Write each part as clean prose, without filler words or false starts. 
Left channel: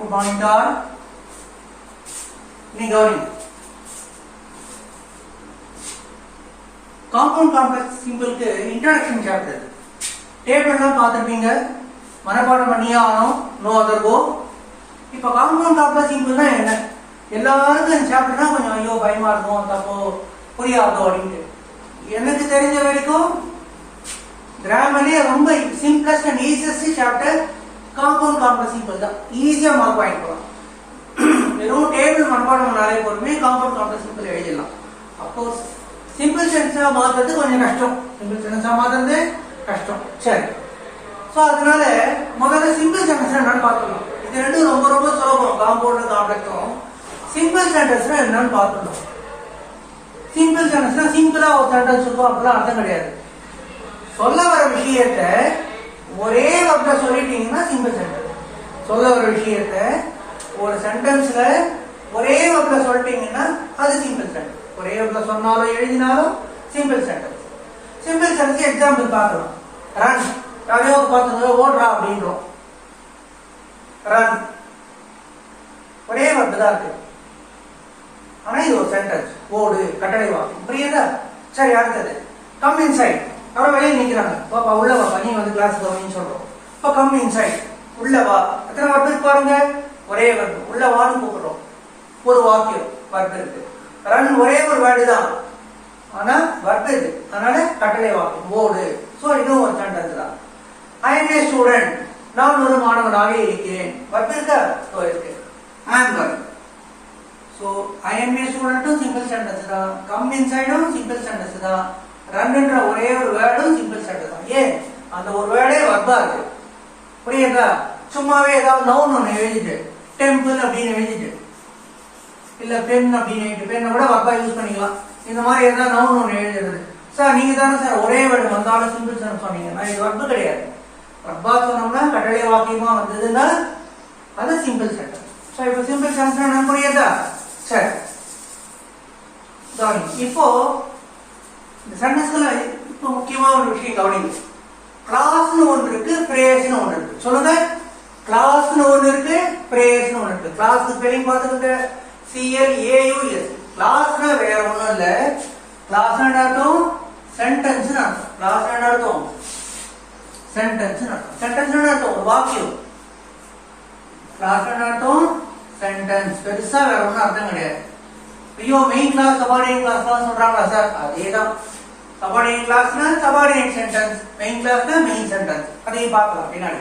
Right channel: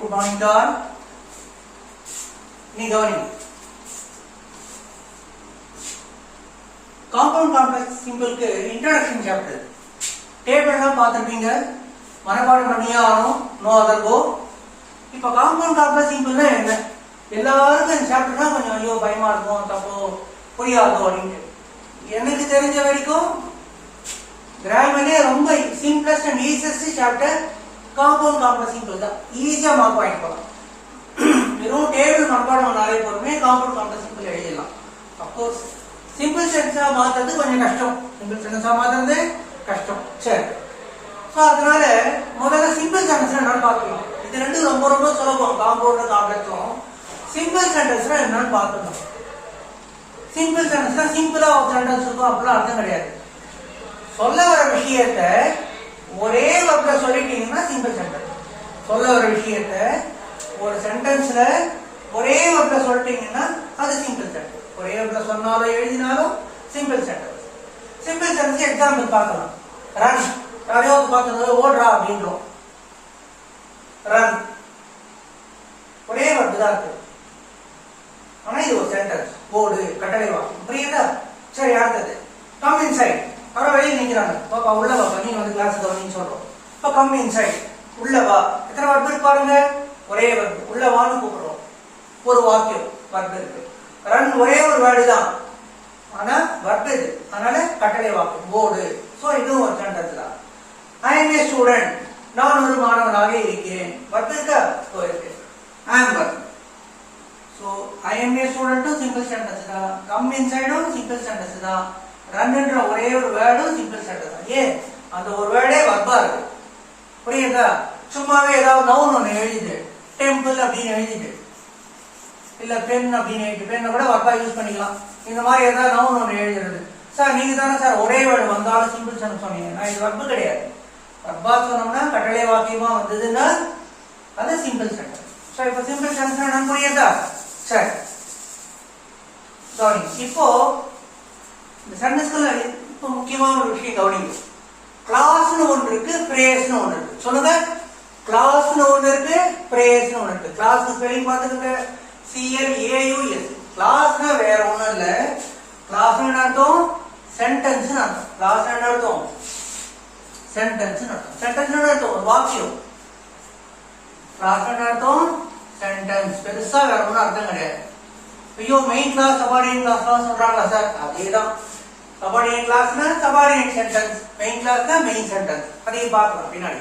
Good morning to all. நீ கவனி. Compound complex சிம்பிளுக்கு இன்ட்ரோடக்ஷன் சாப்டர். டேபிள்லாம் பார்த்துருப்பீங்க, மனப்பாடம் பண்ணியே ஆகணும், நோ அதர் கோ. இப்போ காம்பவுண்ட் காம்ப்ளெக்ஸ் சிம்பிள்னா என்ன? எல்லாருக்கும் இந்த சாப்டர்னா கொஞ்சம் ஐயோ பயமா இருக்கும், தப்போ புரியாதோ அப்படின்ட்டு. எனக்கு தெரிஞ்ச வரைக்கும் கிராமர்லயே ரொம்ப simplest and easiest chapter compound complex simple தான். ஈஸியா மார்க் வாங்கிக்கலாம். வெறும் டேபிள் மனப்பாடம் பண்ணாலே போதுமே காம்பவுண்ட் காம்ப்ளெக்ஸ் சிம்பிள் எழுதிடலாம். அப்கோர்ஸ் சிம்பிள் சென்டென்ஸா மாத்துறது கொஞ்சம் கஷ்டம். சிம்பிள் சென்டென்ஸா மாத்துறது கஷ்டம். சரி, ஸோ அதனால முதல்ல சிம்பிள் சென்டென்ஸ் என்னன்னு பார்த்துக்கலாம். இது ரெண்டும் ரொம்ப ரொம்ப சுலபம். காம்பவுண்ட் காம்ப்ளெக்ஸும் சிம்பிள் சென்டென்ஸ்னா என்னன்னு பார்த்துக்கலாம். சிம்பிள் சென்டென்ஸ்னா சிம்பிளா ஒரு சென்டென்ஸ் இருக்கும் அப்படிலாம் அர்த்தம் கிடையாது. சொல்ல வர விஷயத்த ஒரே வார்த்தை சொல்லிட்டீங்கன்னா சிம்பிள் சென்டென்ஸ். சொல்ல வர விஷயத்த ஒரு சென்டென்ஸ்ல ஒரே வார்த்தை சொல்லிட்டீங்கன்னா அது சிம்பிள் சென்டென்ஸ். ஒரே வார்த்தை சொன்னாலும் எழுதினாலும் simple sentence. Simple sentence example பார்க்கலாம். ரன், யாரையோ பார்த்து ஓடுறா அப்படின்றோம். ரன் ஒரே வார்த்தை தான் இருக்கு, ஆனா இது ஒரு சென்டென்ஸ். ஓடு, கட்டளை வாக்கு, புரியுதா? சரி, அடுத்தது கம் இன்சைட். அவரை வெளியே நிக்கிறாங்க, பாப்பா உள்ள வாப்பா, நீ வந்து கிளாஸ் கவனின்னு சொல்றோம். இப்போ கம் இன்சைட், உள்ள வா. எத்தனை வார்த்தை பாருங்க, ஒரே வார்த்தை. உள்ள வான்னு கூப்பிடுறோம், ஒரு வாக்கியம் வார்த்தை இருக்கு. ரன் ஒரே ஒரு வேர்டு தான், ஆனா வார்த்தை இது, அதனால கட்டளை வாக்கியம் ஓடு. சோ இதுவும் ஒரு சென்டென்ஸ் தான். ஐ எம் ஏ ஸ்டூடெண்ட், நான் ஒரு மாணவனாக இருக்கிறேன். வார்த்தை இருக்கா? இருக்கு. I am work. So I am a ஸ்டூடெண்ட்டும் சிம்பிள் சென்டென்ஸ் தான், கம் இன்சைடும் சிம்பிள் சென்டென்ஸ் தான், ரன்ன்ற ஒரே ஒரு வேர்டும் சிம்பிள் சென்டென்ஸ் தான். ஏன்? அந்த ஒரு வேர்டே வர்பா இருக்கு, புரியுதா? சும்மாவே ஏதாவது நவுன் ஒன்று எழுதிட்டு டெம்பிள் அப்படின்னு எழுதிட்டு இல்ல பென் அப்படின்னு எழுதிட்டு, பெண்ணை கூட வர்பா யூஸ் பண்ணிக்கலாம். இந்த மாதிரி ஏதாவது நவுன் ஒன்று எழுதுறது. சார் நீங்க தானே சார் ஒரே வேர்டு வந்தாலும் சிம்பிள் சென்டென்ஸ் சொன்னீங்கன்னா இது வர்பு கிடையாது. வர்பா சொன்னோம்னா கட்டளை வாக்கியமா வந்ததுன்னா அது சிம்பிள் சென்டென்ஸ். ஸோ இப்போ சிம்பிள் சென்டென்ஸ் என்ன புரியுதா? சரி, கவனிங்க. இப்போ இந்த சென்டென்ஸ்ல இப்போ முக்கியமான ஒரு விஷயம் கவனிங்க. கிளாஸ்னு ஒன்று இருக்கு, பிரேஸ்னு ஒன்று இருக்கு. சொல்லுங்க, கிளாஸ்னு ஒன்று இருக்கு, பிரேஸ்னு ஒன்று இருக்கு. கிளாஸ் ஸ்பெல்லிங் பார்த்துக்கிட்டு CLAUS. கிளாஸ்னா வேற ஒண்ணும் இல்ல. கிளாஸ் அர்த்தம் சென்டென்ஸ் அர்த்தம். கிளாஸ் அர்த்தம் சென்டென்ஸ் அர்த்தம். சென்டென்ஸ் அர்த்தம் ஒரு வாக்கியம். கிளாஸ் அர்த்தம் சென்டென்ஸ். பெருசா வேற ஒன்றும் அர்த்தம் கிடையாது. ஐயோ மெயின் கிளாஸ் சபார்டினேட் கிளாஸ்லாம் சொல்றாங்களா சார்? அதேதான். சபார்டினேட் கிளாஸ்னா சபார்டினேட் சென்டென்ஸ், மெயின் கிளாஸ்னா மெயின் சென்டென்ஸ். அதையும் பார்க்கலாம் பின்னாடி.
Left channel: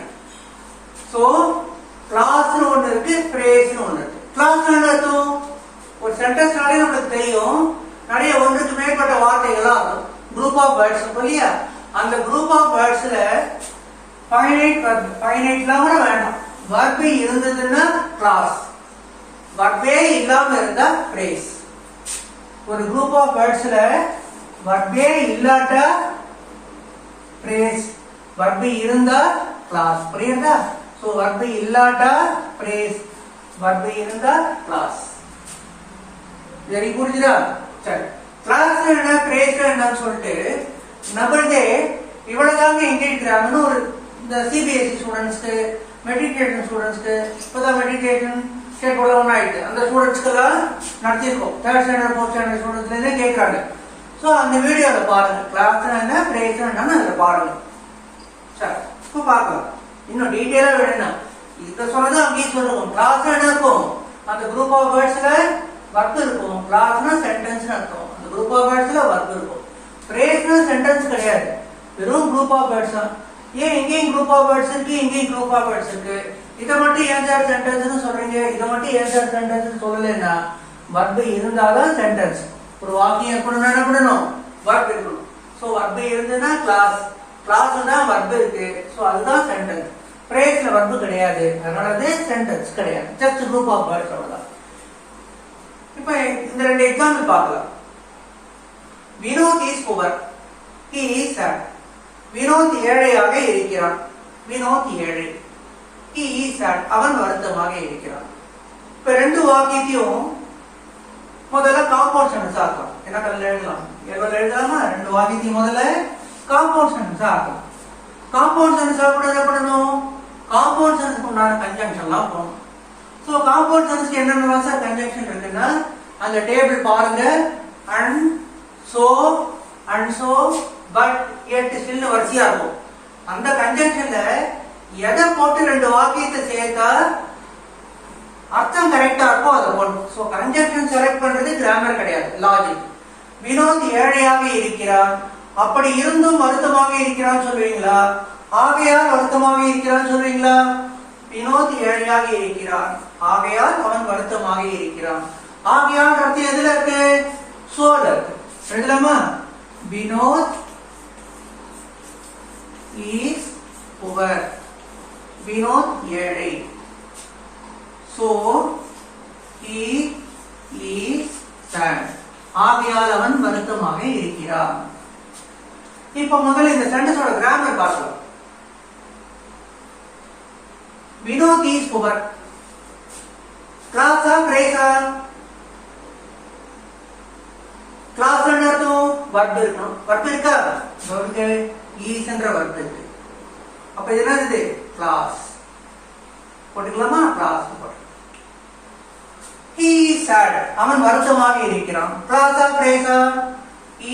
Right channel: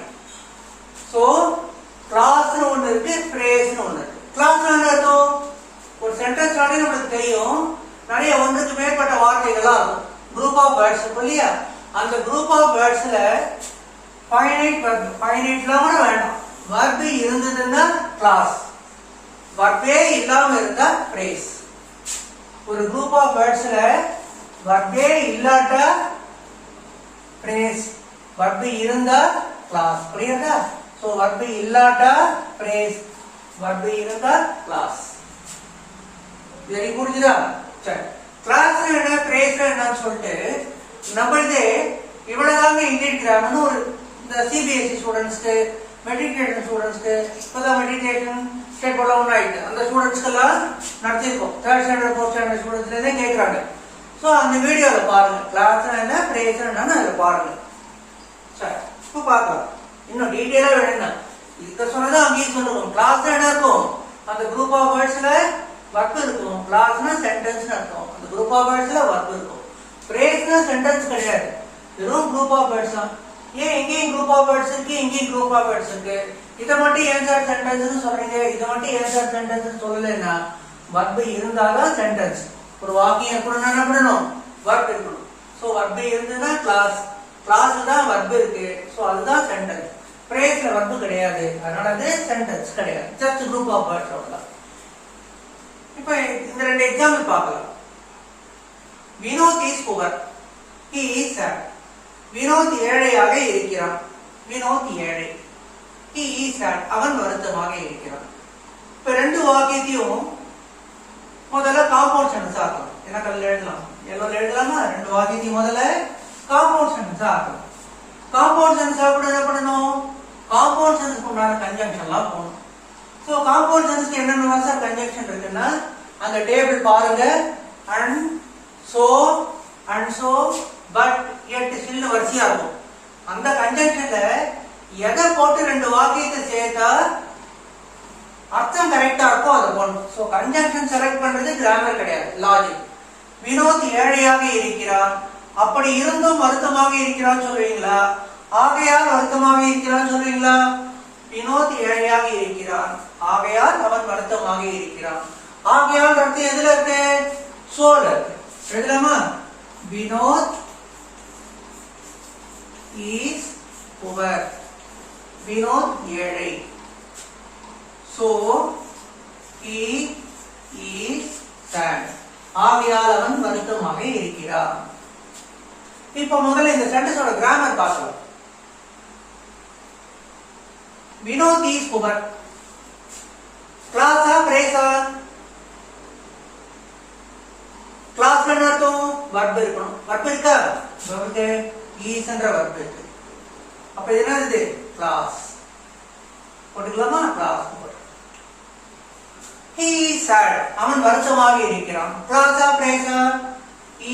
சோ கிளாஸ்னு ஒன்று இருக்கு, பிரேஸ்னு ஒன்று இருக்கு. கிளாஸ் என்ன அர்த்தம்? ஒரு சென்டென்ஸ் நிறைய நம்மளுக்கு தெரியும், நிறைய ஒன்றுக்கு மேற்பட்ட வார்த்தைகளா இருக்கும். குரூப் ஆஃப் வேர்ட்ஸ் இல்லையா? அந்த குரூப் ஆஃப் வேர்ட்ஸ்ல ஃபைனைட் வர்ப், ஃபைனைட்லாம் கூட வேண்டாம், வர்ப் இருந்ததுன்னா கிளாஸ், வர்பே இல்லாம இருந்தா பிரேஸ். ஒரு குரூப் ஆஃப் வேர்ட்ஸ்ல வர்பே இல்லாட்டா பிரேஸ், வர்பு இருந்தா கிளாஸ். புரியுதா? சோ வர்பு இல்லாட்டா பிரேஸ், வர்பு இருந்தா கிளாஸ். வெரி புரிஞ்சுதா? சரி, கிளாஸ் என்ன பிரேஸ் என்னன்னு சொல்லிட்டு நம்மளதே இவ்வளவுதாங்க இந்தியன் கிராமர்னு ஒரு இந்த CBSE ஸ்டூடெண்ட்ஸ்க்கு, மெட்ரிகுலேஷன் ஸ்டூடெண்ட்ஸ்க்கு, இப்பதான் மெட்ரிகுலேஷன் ஸ்டேட் போர்ட்ல ஒன்று ஆயிடுச்சு, அந்த ஸ்டூடெண்ட்ஸ்க்கெல்லாம் நடத்திருக்கோம். 3rd ஸ்டாண்டர்ட் 4th ஸ்டாண்டர்ட் ஸ்டூடெண்ட்ஸ்லேருந்தே கேட்கறாங்க. ஸோ அந்த வீடியோவை பாருங்க, கிளாஸ் என்ன பிரேஸ் என்னன்னு அதில் பாருங்க. சரி, இப்போ பார்க்கலாம். இன்னும் டீட்டெயிலாக வேணும்னா இதுக்கு சொன்னதான் அங்கேயும் சொல்லுவோம். கிளாஸ் என்ன இருக்கும்? அந்த குரூப் ஆஃப் வேர்ட்ஸ்ல வர்க் இருக்கும். கிளாஸ்னா சென்டென்ஸ் அர்த்தம். அந்த குரூப் ஆஃப் வேர்ட்ஸ்ல வர்க் இருக்கும். பிரேஸ்னா சென்டென்ஸ் கிடையாது, வெறும் குரூப் ஆஃப் வேர்ட்ஸ் தான். ஏன் இங்கேயும் குரூப் ஆஃப் வேர்ட்ஸ் இருக்கு, இங்கேயும் குரூப் ஆஃப் வேர்ட்ஸ் இருக்கு? இதை மட்டும் ஏன் சார் சென்டென்ஸ் சொல்றீங்க, இதை மட்டும் ஏன் சார் சென்டென்ஸ் சொல்லலைன்னா வர்பு இருந்தாதான் சென்டென்ஸ். ஒரு வாக்கியம் இருக்கணும்னா என்ன பண்ணணும்? வர்ப் இருக்கணும். சோ வர்பு இருந்ததுன்னா கிளாஸ், கிளாஸ் தான் வர்பு இருக்கு. சோ அதுதான் சென்டென்ஸ். பிரேஸ்ல வர்பு கிடையாது, அதனால அது சென்டென்ஸ் கிடையாது. ஜஸ்ட் குரூப் ஆஃப் வேர்ட்ஸ் அவ்வளவுதான். இப்போ இந்த ரெண்டு எக்ஸாம்பிள் பார்க்கலாம். Vinod is poor, he is sad. Vinod ஏழையாக இருக்கிறான், வினோத் ஏழை. ஹி இஸ் சேட், அவன் வருத்தமாக இருக்கிறான். இப்ப ரெண்டு வாக்கியத்தையும் முதல்ல காம்பவுண்ட் சென்டென்ஸ் ஆக்கலாம். என்ன கல்ல எழுதலாம், எவ்வளவு எழுதலாமா? ரெண்டு வாக்கியத்தையும் முதல்ல காம்பவுண்ட் சென்டென்ஸ் ஆக்கலாம். காம்பவுண்ட் சென்டென்ஸ் கூட என்ன பண்ணணும்? காம்பவுண்ட் சென்டென்ஸ் உண்டான கன்ஜங்ஷன்லாம் போகணும். சோ காம்பவுண்ட் சென்டென்ஸ்க்கு என்னென்ன சார் கன்ஜங்ஷன் இருக்குன்னா அந்த டேபிள் பாருங்க. And so but yet still வரிசையா இருக்கும். அந்த கன்ஜங்ஷன்ல எதை போட்டு ரெண்டு வாக்கியத்தை சேர்த்தா அர்த்தம் கரெக்டா இருக்கும் அதை போடணும். சோ கன்ஜங்ஷன் செலக்ட் பண்றது கிராமர் கிடையாது, லாஜிக். வினோத் ஏழையாக இருக்கிறான், அப்படி இருந்தும் வருத்தமாக இருக்கிறான்னு சொல்றீங்களா? ஆகையால் வருத்தமாக இருக்கிறான்னு சொல்றீங்களா? வினோத் ஏழையாக இருக்கிறான், ஆகையால் அவன் வருத்தமாக இருக்கிறான். ஆகையால் அர்த்தம் எதுல இருக்கு? சோல இருக்கு. எழுதலாமா? வினோத் இஸ் புவர், வினோத் ஏழை. So he is sad. ஆகையால் அவன் வருத்தமாக இருக்கிறான். இப்ப முதல்ல இந்த சென்டென்ஸோட கிராமர் பார்க்கலாம். Vinod is poor. கிளாஸா பிரேஸா? கிளாஸ்ல என்ன அர்த்தம்? வர்ப் இருக்கணும். வர்ப் இருக்கா? இருக்கு. ஈஸ் என்ற வர்ப் இருக்கு. அப்ப இது என்னது? கிளாஸ் போட்டுக்கலாமா? கிளாஸ் போட்டு. He is sad. அவன் வருத்தமாக இருக்கிறான். கிளாஸா பிரேஸா?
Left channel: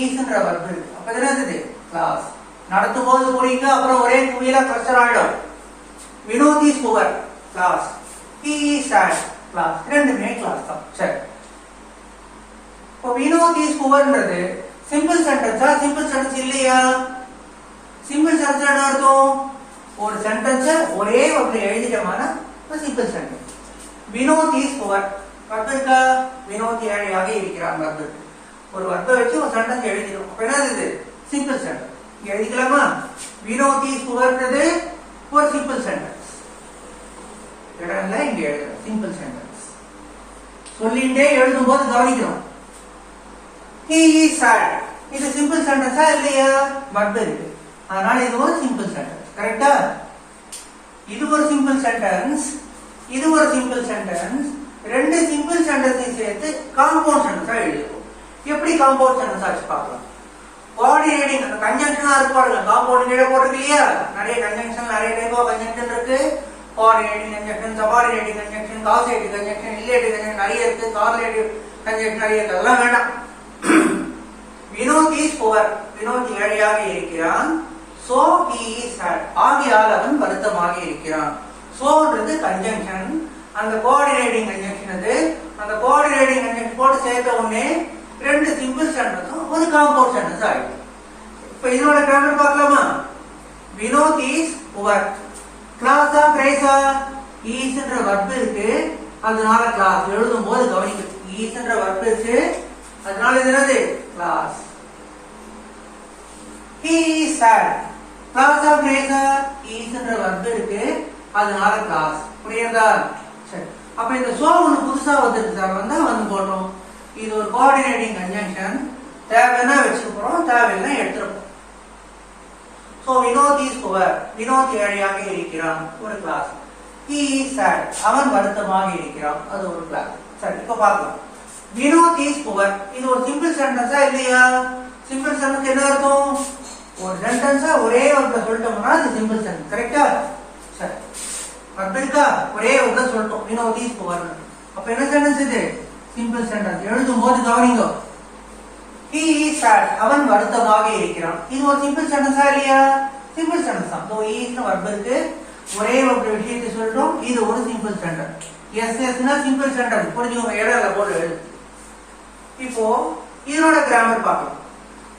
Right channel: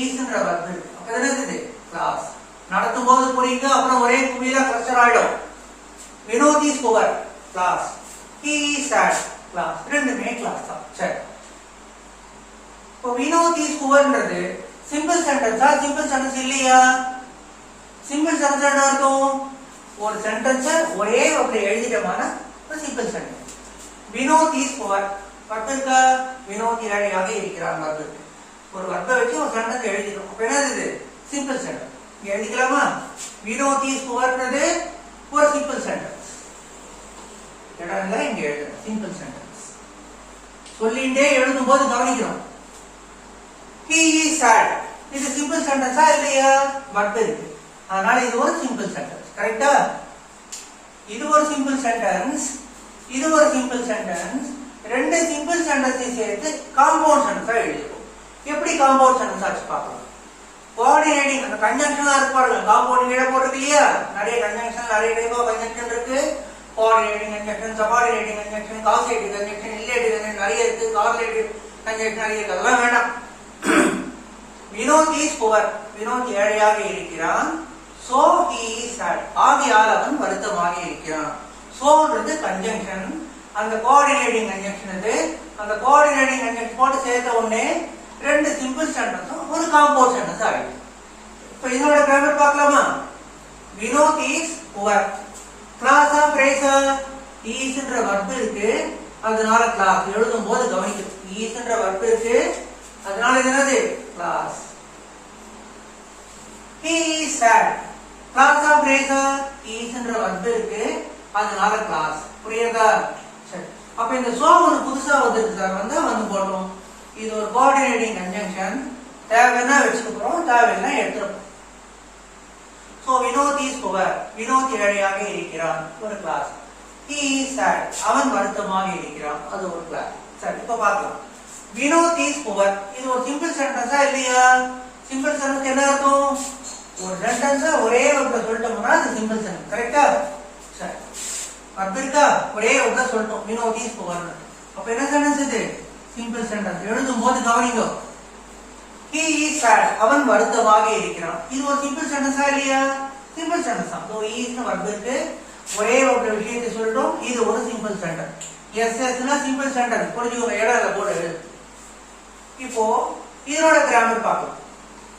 ஈஸ் என்ற வர்ப் இருக்கு. அப்ப இது என்னது? கிளாஸ். நடத்தும் போது புரியுங்க, அப்புறம் ஒரே புரியல பிரஷர் ஆயிடும். Vinod is poor, clause. He is sad, clause. ரெண்டுமே கிளாஸ் தான். சரி. இப்போ வினோத் இஸ் புவர்ன்றது சிம்பிள் சென்டென்ஸா? சிம்பிள் சென்டென்ஸ் இல்லையா? சிம்பிள் சென்டென்ஸ் என்ன இருக்கும்? ஒரு சென்டென்ஸ் ஒரே ஒரு எழுதிட்டமான ஒரு simple sentence. Vinod is poor, verb இருக்கா? வினோத் ஏழையாக இருக்கிறான் வர்ப். ஒரு வர்ப்பை வச்சு ஒரு சென்டென்ஸ் எழுதிடும். அப்ப என்னது? Simple sentence. எழுதிக்கலாமா? வினோத் இஸ் புவர்ன்றது ஒரு சிம்பிள் சென்டென்ஸ். இடம்ல இங்க எழுதுறோம் சிம்பிள் சென்டென்ஸ். சொல்லிட்டே எழுதும் போது கவனிக்கிறோம். He is sad. இது சிம்பிள் சென்டென்ஸா இல்லையா? வர்ப் இருக்கு, அதனால இது ஒரு சிம்பிள் சென்டென்ஸ். கரெக்டா? இது ஒரு சிம்பிள் சென்டென்ஸ், இது ஒரு சிம்பிள் சென்டென்ஸ். ரெண்டு சிம்பிள் சென்டென்ஸை சேர்த்து காம்பவுண்ட் சென்டென்ஸா எழுதுவோம். எப்படி காம்பவுண்ட் சென்டென்ஸ் ஆச்சு பார்க்கலாம். கோஆர்டினேட்டிங் அந்த கன்ஜங்ஷனா இருக்கு பாருங்க. காம்பவுண்ட் கீழே போட்டுருக்கு இல்லையா? நிறைய கன்ஜங்ஷன், நிறைய டைப் ஆஃப் கன்ஜங்ஷன் இருக்கு. Coordinating conjunction, subordinating conjunction, causative conjunction, illative conjunction நிறைய இருக்கு. கார்லேட்டிவ் கன்ஜங்ஷன் நிறைய இருக்கு. அதெல்லாம் வேண்டாம். வினோத் இஸ் புவர், வினோத் ஏழையாக இருக்கிறான். சோ ஹி இஸ் sad, ஆகையால் அவன் வருத்தமாக இருக்கிறான். சோன்றது கன்ஜங்ஷன், அந்த கோஆர்டினேட்டிங் கன்ஜங்ஷன் அது. அந்த கோஆர்டினேட்டிங் கன்ஜங்ஷன் போட்டு சேர்த்த உடனே ரெண்டு சிம்பிள் சென்டென்ஸும் ஒரு காம்பவுண்ட் சென்டென்ஸ் ஆயிடுச்சு. இப்ப இதோட கிராமர் பார்க்கலாமா? Vinod is poor. கிளாஸா பிரேஸா? ஈஸ் என்ற வர்ப் இருக்கு, அதனால கிளாஸ். எழுதும் போது கவனிக்கும். ஈஸ் என்ற வர்ப் இருக்கு, அதனால இது என்னது? கிளாஸ். He is sad. கிளாஸா பிரேஸா? ஈஸ் என்ற வர்ப் இருக்கு, அதனால கிளாஸ். புரியுதா? சரி. அப்ப இந்த சோ ஒன்னு புதுசா வந்திருக்கு சார், வந்தா வந்து போட்டோம். இது ஒரு கோஆர்டினேட்டிங் கன்ஜங்ஷன். தேவைன்னா வச்சுக்கிறோம், தேவைன்னா எடுத்துருப்போம். So Vinod is poor, Vinod ஏழையாக இருக்கிறான், ஒரு கிளாஸ். He is sad, அவன் வருத்தமாக இருக்கிறான், அது ஒரு கிளாஸ். சரி, இப்ப பார்க்கலாம். வினோத் இஸ் புவர், இது ஒரு சிம்பிள் சென்டென்ஸா இல்லையா? சிம்பிள் சென்டென்ஸ் என்ன அர்த்தம்? ஒரு சென்டென்ஸா ஒரே ஒன்றை சொல்லிட்டோம்னா அது சிம்பிள் சென்டென்ஸ். கரெக்டா? சரி. வர்ப் இருக்கா? ஒரே ஒன்றை சொல்லிட்டோம், வினோத் இஸ் புவர். அப்ப என்ன சென்டென்ஸ் இது? Simple sentence. எழுதும் போது கவனிங்க. He is sad, அவன் வருத்தமாக இருக்கிறான். இது ஒரு சிம்பிள் சென்டென்ஸா இல்லையா? சிம்பிள் சென்டென்ஸ் தான். சோ இஸ் வர்ப் இருக்கு, ஒரே ஒரு விஷயத்தை சொல்லிட்டோம், இது ஒரு சிம்பிள் சென்டென்ஸ். எஸ்எஸ்னா சிம்பிள் சென்டென்ஸ். புரிஞ்சுக்கோங்க, இடத்துல போட்டு எழுது. இப்போ இதனோட கிராமர் பார்க்கலாம்.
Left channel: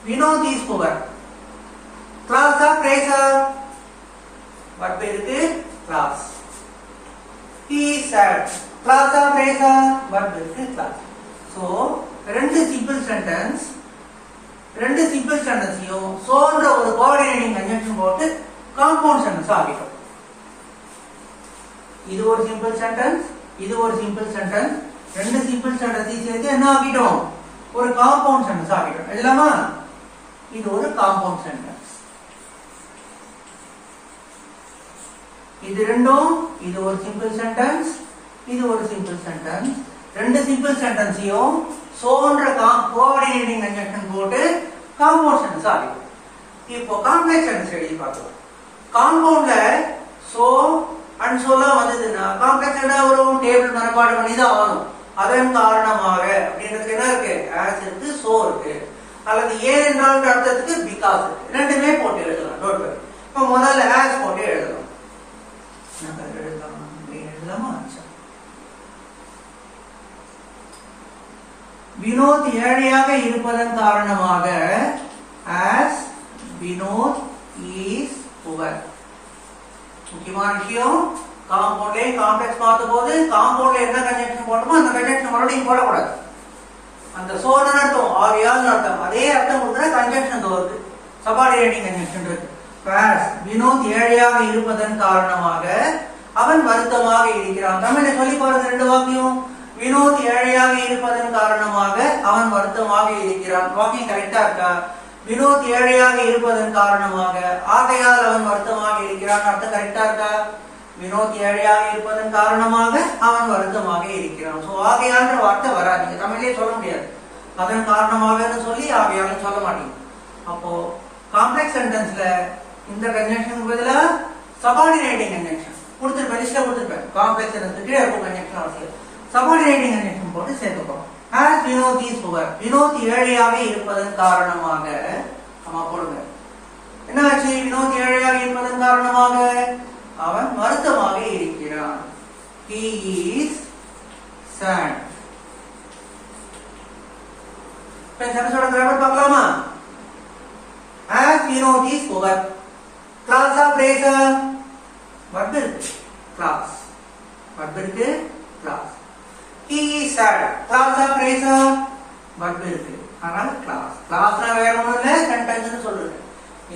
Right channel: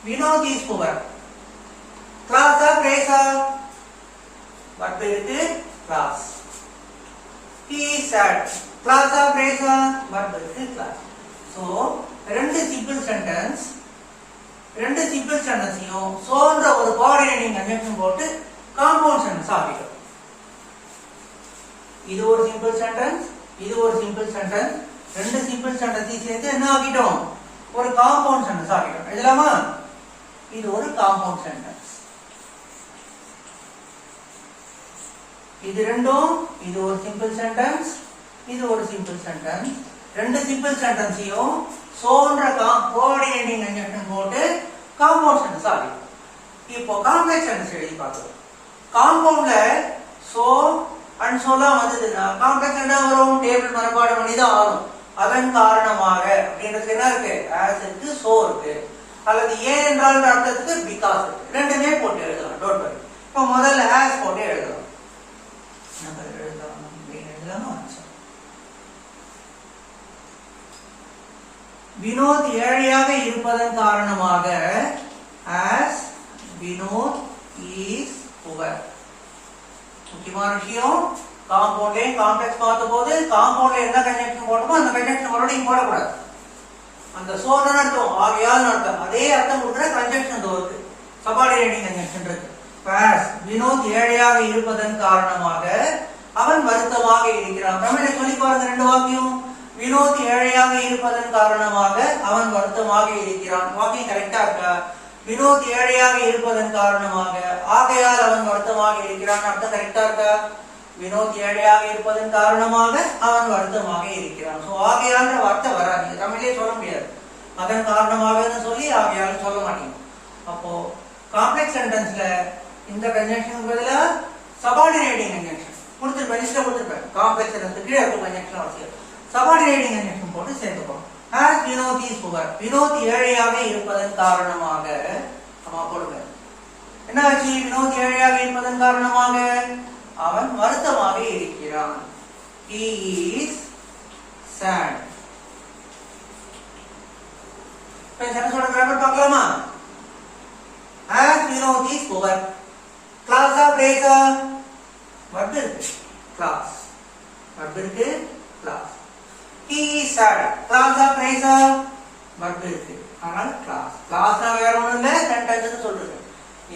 Vinod is poor. கிளாஸா பிரேஸா? வர்ப் இருக்கு, கிளாஸ். He is sad. கிளாஸா பிரேஸா? வர்ப் இருக்கு, கிளாஸ். சோ ரெண்டு சிம்பிள் சென்டென்ஸ், ரெண்டு சிம்பிள் சென்டென்ஸையும் சோன்ற ஒரு கோஆர்டினேட்டிங் கன்ஜங்ஷன் போட்டு காம்பவுண்ட் சென்டென்ஸ் ஆகிட்டோம். இது ஒரு சிம்பிள் சென்டென்ஸ், இது ஒரு சிம்பிள் சென்டென்ஸ். ரெண்டு சிம்பிள் சென்டென்ஸையும் சேர்த்து என்ன ஆகிட்டோம்? ஒரு காம்பவுண்ட் சென்டென்ஸ் ஆகிட்டோம். எழுதலாமா? இது ஒரு காம்பவுண்ட் சென்டென்ஸ். இது ரெண்டும், இது ஒரு சிம்பிள் சென்டென்ஸ், இது ஒரு சிம்பிள் சென்டென்ஸ். ரெண்டு சிம்பிள் சென்டென்ஸையும் சோன்ற கோஆர்டினேட்டிங் கன்ஜங்ஷன் போட்டு காம்பவுண்ட் சென்டென்ஸ் ஆகிடும். இப்போ காம்ப்ளெக்ஸ் சென்டென்ஸ் எழுதி பார்க்கலாம். காம்பவுண்ட்ல சோ அண்ட் சொல்லலாம் வந்ததுன்னா காம்ப்ளெக்ஸ் என்ன வரும், டேபிள் மனப்பாடு பண்ணி தான் ஆகும். அதன் காரணமாக அப்படின்றதுக்கு என்ன இருக்கு, ஆஸ் இருக்கு, சோ இருக்கு, அல்லது ஏன் என்றால் அர்த்தத்துக்கு பிகாஸ் இருக்கு. ரெண்டுமே போட்டு எழுதலாம். Don't worry. இப்போ முதல்ல ஆஸ் போட்டு எழுதலாம். எழுதலாமா? வினோத் ஏழையாக இருப்பதன் காரணமாக as வினோத் is poor. முக்கியமான விஷயம், காம்பவுண்டே காம்ப்ளெக்ஸ் பார்த்த போது காம்பவுண்ட்ல என்ன கன்ஜெக்ஷன் போட்டோமோ அந்த கன்ஜெக்ஷன் மறுபடியும் போடக்கூடாது. அந்த சோழ அர்த்தம் ஆகையால் அர்த்தம் அதே அர்த்தம் கொடுக்குற கன்ஜெக்ஷன் இருக்கு, சபார்டினேட்டிங் கன்ஜெக்ஷன் இருக்கு. வினோத் ஏழையாக இருப்பதன் காரணமாக அவன் வருத்தமாக இருக்கிறான். தமிழ்ல சொல்லி பாருங்க ரெண்டு வாக்கியம். வினோத் ஏழையாக இருப்பதன் காரணமாக அவன் வருத்தமாக இருக்கிறான். வாக்கியம் கரெக்டா இருக்கா? வினோத் ஏழையாக இருப்பதன் காரணமாக ஆகையால் அவன் வருத்தமாக இருக்கிறான். அர்த்தம் கரெக்டா இருக்கா? வினோத் ஏழையாக இருப்பதன் காரணமாக அவன் வருத்தமாக இருக்கிறான். சோ ஆகையான்ற வார்த்தை வராது, நீங்க தமிழ்லயே சொல்ல முடியாது. அதன் காரணமாக சொல்லி ஆகையாலும் சொல்ல மாட்டீங்க. அப்போ காம்ப்ளெக்ஸ் சென்டென்ஸ்ல இந்த கன்ஜெக்ஷனுக்கு பதிலா சபார்டினேட்டிங் கன்ஜெக்ஷன் கொடுத்துருப்பேன், லிஸ்ட்ல கொடுத்துருப்பேன். காம்ப்ளெக்ஸ் சென்டென்ஸ் கீழே இருக்கும் கன்ஜெக்ஷன் அவசியம். சபார்டினேட்டிங் கன்ஜெக்ஷன் போட்டு சேர்த்துக்கணும். as Vinod is poor, Vinod ஏழையாக இருப்பதன் காரணமாக நம்ம போடுங்க. என்ன ஆச்சு? வினோத் ஏழையாக இருப்பதன் காரணமாக அவன் வருத்தமாக இருக்கிறான். he is sad. இப்போ சென்டென்ஸோட கிராமர் பார்க்கலாமா? as வினோத் is poor, கிளாஸா பிரேஸா? verb இருக்கு, கிளாஸ். verb இருக்கு, கிளாஸ். he is sad, கிளாஸா பிரேஸா? verb இருக்கு, ஆனால் கிளாஸ். கிளாஸ்னா வேற ஒண்ணும் இல்ல, சென்டென்ஸ்னு சொல்றது.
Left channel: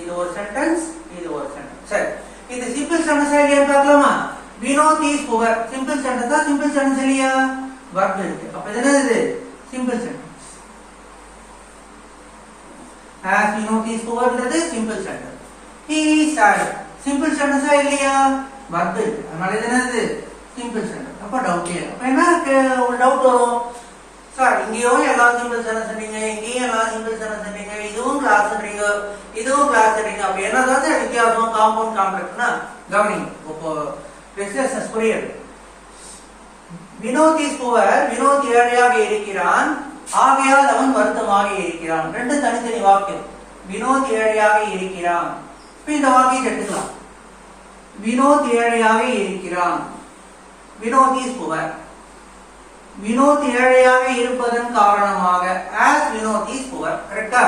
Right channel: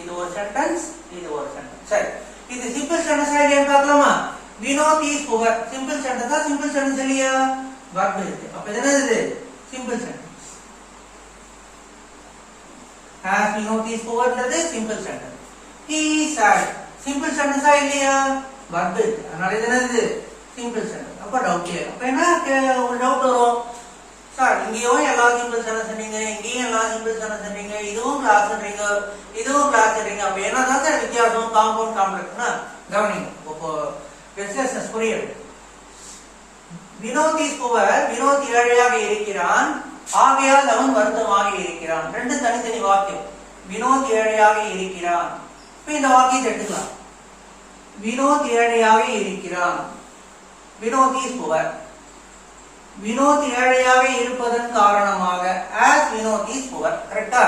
இது ஒரு சென்டென்ஸ், இது ஒரு சென்டென்ஸ். சரி, இது சிம்பிள் சென்டென்ஸ் இல்லையா பார்க்கலாமா? வினோத் இஸ் புவர் சிம்பிள் சென்டென்ஸா? சிம்பிள் சென்டென்ஸ் இல்லையா? verb இருக்கு. அப்ப இது என்னது? Simple sentence. as Vinod is புவர்ன்றது simple sentence. he is sad simple சென்டென்ஸா இல்லையா? verb இருக்கு, அதனால இது என்னது? Simple sentence. அப்ப டவுட் இல்ல. அப்ப என்ன ஒரு டவுட் வரும், சார் இங்கேயும் எல்லா சிம்பிள் சென்டென்ஸ் சொன்னீங்க, இங்கேயும் எல்லா சிம்பிள் சென்டென்ஸ் சொன்னீங்க, இதுவும் கிளாஸ்ன்றீங்க, இதுவும் கிளாஸ்ன்றீங்க, அப்ப என்னதான் வித்தியாசம் காம்பவுண்ட் காம்ப்ளெக்ஸ்னா? கவனிங்க, இப்போ பிசினஸ் புரியுது. வினோத் இஸ் புவர், வினோத் ஏழையாக இருக்கிறான், ஆகையால் அவன் வருத்தமாக இருக்கிறான். ரெண்டு தனித்தனி வாக்கியம். வினோத் ஏழையாக இருக்கிறான். இப்ப இந்த வாக்கியத்தை எடுத்துக்கலாம். வினோத் ஏழையாக இருக்கிறான், வினோத் இஸ் புவர். வினோத் ஏழையாக இருப்பதன் காரணமாக as வினோத் இஸ் புவர். கரெக்டா?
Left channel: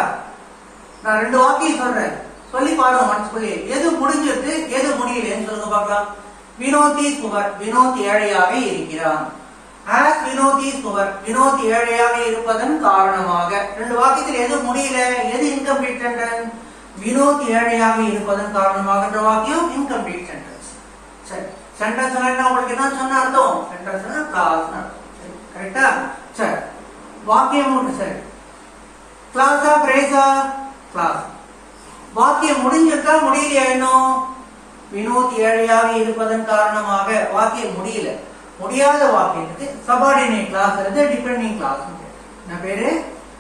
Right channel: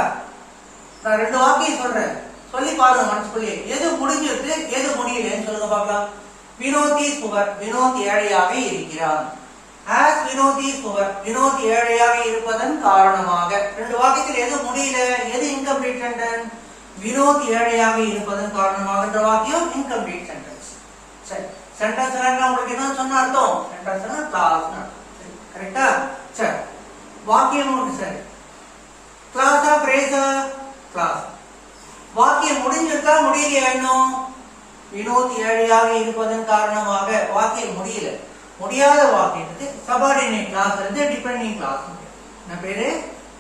நான் ரெண்டு வாக்கியம் சொல்றேன், சொல்லி பாருங்க மனசுக்குள்ளே. எது முடிஞ்சிருக்கு எது முடியலன்னு சொல்லுங்க பார்க்கலாம். வினோத் இஸ் புவர், வினோத் ஏழையாக இருக்கிறான். as Vinod is poor, Vinod ஏழையாக இருப்பதன் காரணமாக. ரெண்டு வாக்கியத்தில் எது முடியல, எது இன்கம்ப்ளீட் சென்டென்ஸ்? வினோத் ஏழையாக இருப்பதன் காரணமாக வாக்கியம் இன்கம்ப்ளீட் சென்டென்ஸ். சரி, சென்டென்ஸ் என்ன உங்களுக்கு என்ன சொன்ன அர்த்தம்? சென்டென்ஸ்னா கிளாஸ்னா அர்த்தம். கரெக்டா? சரி, வாக்கியம் ஒன்று. சரி, கிளாஸா பிரேஸா? கிளாஸ். வாக்கியம் முடிஞ்சிருக்கா முடியலையா? இன்னும் வினோத் ஏழையாக இருப்பதன் காரணமாக வாக்கியம் முடியல. முடியாத வாக்கியத்துக்கு சபார்டினேட் கிளாஸ் இருந்து டிபெண்டிங் கிளாஸ். என்ன பேரு?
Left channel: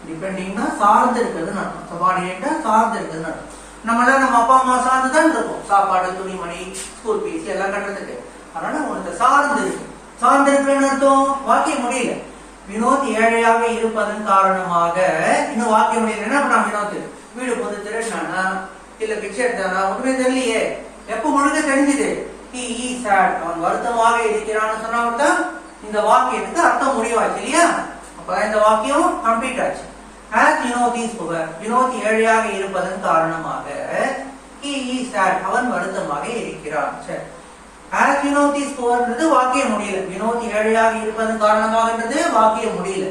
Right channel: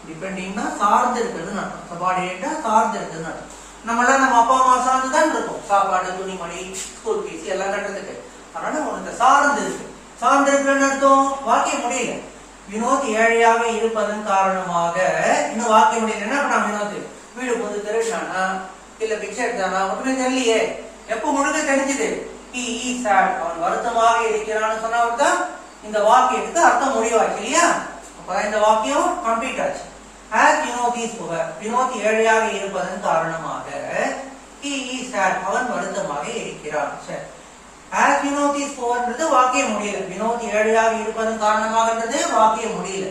டிபெண்டிங்னா சார்ந்து இருக்கிறதுன்னு அர்த்தம். சபார்டினேட்டா சார்ந்து இருக்கிறதுன்னு அர்த்தம். நம்மளால நம்ம அப்பா அம்மா சார்ந்து தான் இருக்கும், சாப்பாடு, துணிமணி, ஸ்கூல் ஃபீஸ் எல்லாம் கட்டுறதுக்கு. அதனால உங்களுக்கு சார்ந்து இருக்கு. சார்ந்து இருக்கிறன்னு அர்த்தம். வாக்கியம் முடியல. வினோத் ஏழையாக இருப்பதன் காரணமாக இன்னும் வாக்கியம் முடியல. என்ன பண்ணா வினோத்? வீடு புது திருடானா இல்ல பிச்சை எடுத்தானா? ஒன்றுமே தெரியலையே. எப்ப முழுக்க தெரிஞ்சது? he is sad, அவன் வருத்தமாக இருக்கிறான்னு சொன்னால்தான் இந்த வாக்கியத்துக்கு அர்த்தம் முடிவாச்சு இல்லையா? அப்ப இந்த வாக்கியம் கம்ப்ளீட் ஆச்சு. as Vinod is poor, Vinod ஏழையாக இருப்பதன் காரணமாக he is sad, அவன் வருத்தமாக இருக்கிறான். சரி, as வினோத் is poorன்றது வாக்கியம் முடியல. வினோத் ஏழையாக இருப்பதன் காரணமாகன்றது வாக்கியம் முடியல.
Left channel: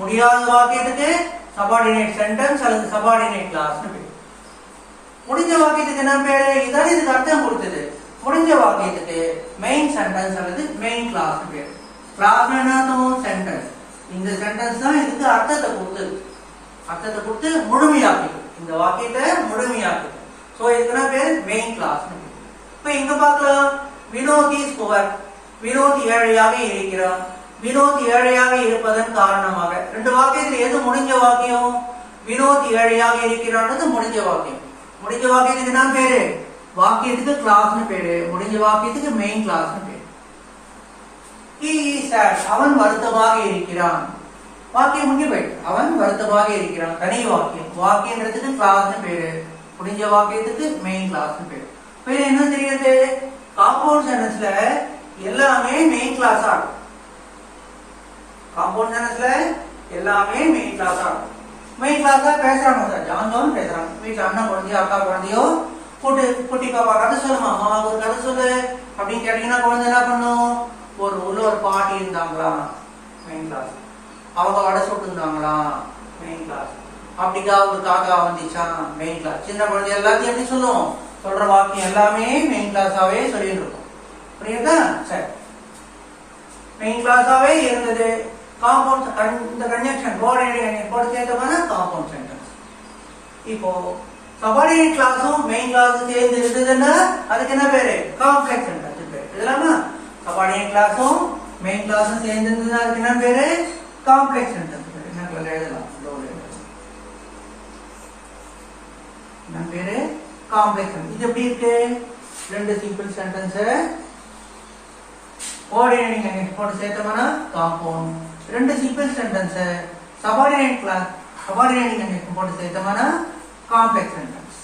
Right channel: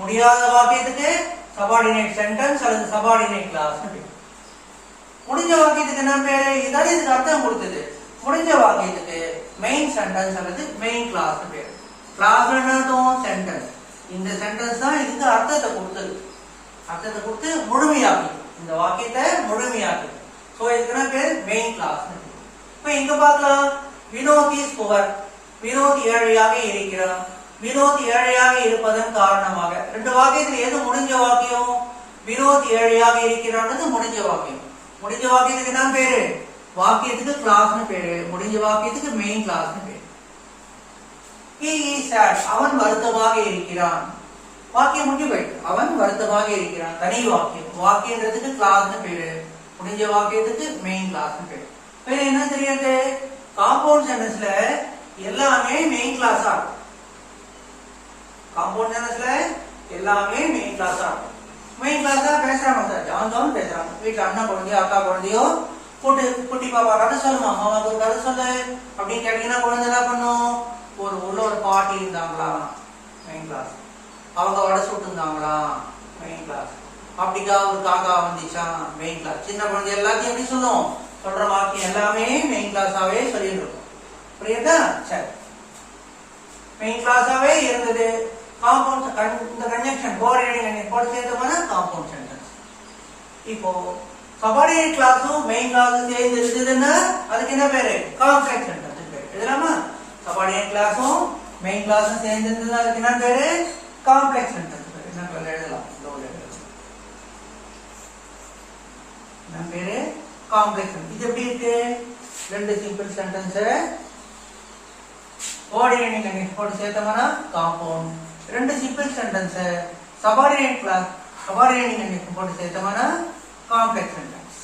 முடியாத வாக்கியத்துக்கு சபார்டினேட் சென்டென்ஸ் அல்லது சபார்டினேட் கிளாஸ். முடிஞ்ச வாக்கியத்துக்கு என்ன பேரு? இதான் இதுக்கு அர்த்தம் கொடுத்தது. முடிஞ்ச வாக்கியத்துக்கு மெயின் சென்டென்ஸ் அல்லது மெயின் கிளாஸ் பேரு. கிளாஸ் என்ன? சென்டென்ஸ். இந்த சென்டென்ஸ் தான் இதுக்கு அர்த்தத்தை கொடுத்தது. அர்த்தத்தை கொடுத்து முழுமையாக்கி இந்த வாக்கியத்தை முழுமையாக்கி. சோ இதுக்கு பேரு மெயின் கிளாஸ். இப்ப இங்க பார்க்கலாம். வினோத் இஸ் புவர், வினோத் ஏழையாக இருக்கிறான். வினோத் ஏழையாக இருப்பதன் காரணமாக. ரெண்டு வாக்கியத்தில் எது முடிஞ்ச வாக்கியம்? வினோத் ஏழையாக இருக்கிறான் முடிஞ்ச வாக்கியம். முடிஞ்ச வாக்கியத்துக்கு என்ன பேரு? வாக்கியத்துக்கு கிளாஸ்னு பேரு, முடிஞ்ச வாக்கியத்துக்கு மெயின் கிளாஸ்னு பேரு. he is sad, அவன் வருத்தமாக இருக்கிறான். வாக்கியம் முடிஞ்சு போயிட்டு அவன் வருத்தமாக இருக்கிறான். தனி வாக்கியம். வாக்கியன்றதுக்கு கிளாஸ்னு பேரு, முடிஞ்ச வாக்கியத்துக்கு மெயின் கிளாஸ்னு பேரு. இப்ப என்ன தெரியாது, காம்பவுண்ட் சென்டென்ஸ்ல எல்லாமே மெயின் கிளாஸா இருக்கும். காம்பவுண்ட் சென்டென்ஸ்ல எல்லாமே மெயின் கிளாஸா இருக்கும். மெயின் கிளாஸா பேசுறாங்க சார், ஜான் பேசுறாங்க. வீட்டுல அண்ணா குழந்தையோ அக்கா குழந்தையோ குட்டி பாப்பா கதை சொல்லுமா, அம்மாவுக்கு ஒரு கதை சொல்லு அப்படின்னு கேட்டீங்கன்னா குழந்தை என்ன பண்ணும், உள்ள ஒரு பாட்டி இருந்தாங்களா மெயின் கிளாஸ், அவங்க வடை சுட்டு இருந்தாங்களா மெயின் கிளாஸ், அப்படிக்கா ஒரு காக்கா வந்துச்சா மெயின் கிளாஸ். சின்ன குழந்தை எல்லாத்தையும் எப்படி சொல்லும், சொல்ற வாக்கியம் எல்லாமே மெயின் கிளாஸாவே சொல்லிட்டு இருக்கும். புரியுதா? சரி, மெயின் கிளாஸாவே இருந்தது. காம்பவுண்ட் இந்த கன்ஜங்ஷன் போட்டு சேர்த்தோம்னா காம்பவுண்ட் சென்டென்ஸ். இப்போ சபார்டினேட் கிளாஸும் மெயின் கிளாஸும் சேர்ந்து இருந்ததுன்னா அதுக்கு என்ன பேரு, காம்ப்ளெக்ஸ் சென்டென்ஸ் பேரு. இதெல்லாமா சபார்டினேட் கிளாஸும் மெயின் கிளாஸும் சேர்ந்து இருந்ததுன்னா அதுக்கு என்ன பேரு, காம்ப்ளெக்ஸ் சென்டென்ஸ் பேரு. என்ன எழுதலாம், என்ன பேரு, காம்ப்ளெக்ஸ். இது எப்படி இருக்கு, ரெண்டு சிம்பிள் சென்டென்ஸ் கோஆர்டினேட்டிங் லைன் போட்டு சேர்த்தோம்னா காம்பவுண்ட், ரெண்டு simple sentence subordinate clause subordinating line போட்டு சேர்த்தோம்னா காம்ப்ளெக்ஸ் சென்டென்ஸ்.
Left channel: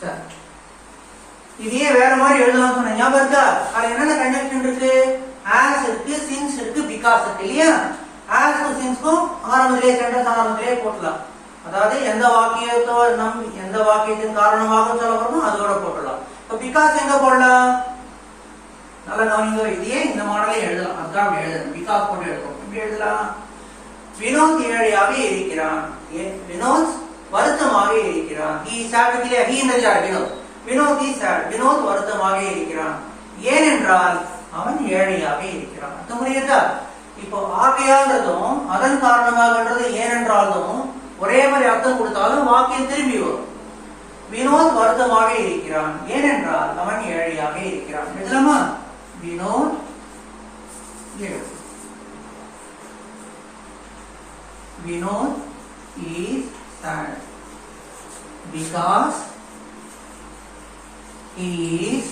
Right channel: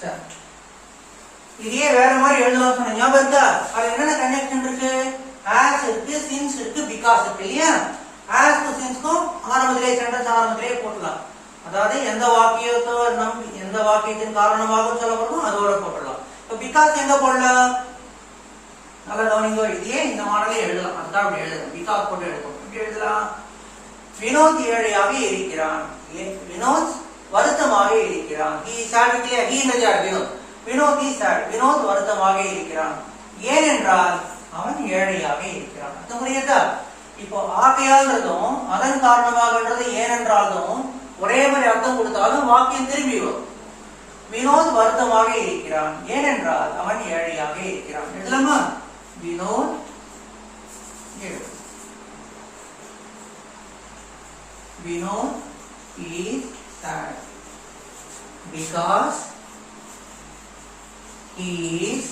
சரி, இதே வேற மாதிரி எழுதலாம் சொன்ன ஞாபகம் இருக்கா? அது என்னென்ன கன்ஜங்ஷன் இருக்கு, ஆஸ் இருக்கு, சின்ஸ் இருக்கு, பிகாஸ் இருக்கு இல்லையா? ஆஸ்க்கும் சின்ஸ்க்கும் ஆரம்பத்திலே சென்டென்ஸ் ஆரம்பத்திலே போட்டலாம். அதாவது எந்த வாக்கியத்தோ எந்த வாக்கியத்தின் காரணமாக சொல்லப்படணும் அதோட போட்டலாம். இப்ப பிகாஸ் எங்க போடலாம், நல்ல கவனிங்க. இதையே இந்த மாடலே எழுதலாம், அதுதான் அப்படி எழுதணும். பிகாஸ் போட்டு எழுதுவோம். எப்படி எழுதலாம், வினோத் ஏழையாக இருக்கிறான், வினோத் வருத்தமாக இருக்கிறான். he is sad, he is sad, Vinod is sad, Vinod வருத்தமாக இருக்கிறான். ஏனென்றால் அவன் ஏழையாக இருக்கிறான். அது புரியுதா? இப்போ ஆகையால்றதும் அதன் காரணமாகன்றது ஏனென்றாலும் ஒரே மாதிரி அர்த்தம் கொடுத்தாலும் வாக்கியம் திரும்பி வரும். வினோத் வருத்தமாக இருக்கிறான் ஏனென்றால் அவன் ஏழையாக இருக்கிறான். எழுதலாமா, Vinod Vinod is sad because he is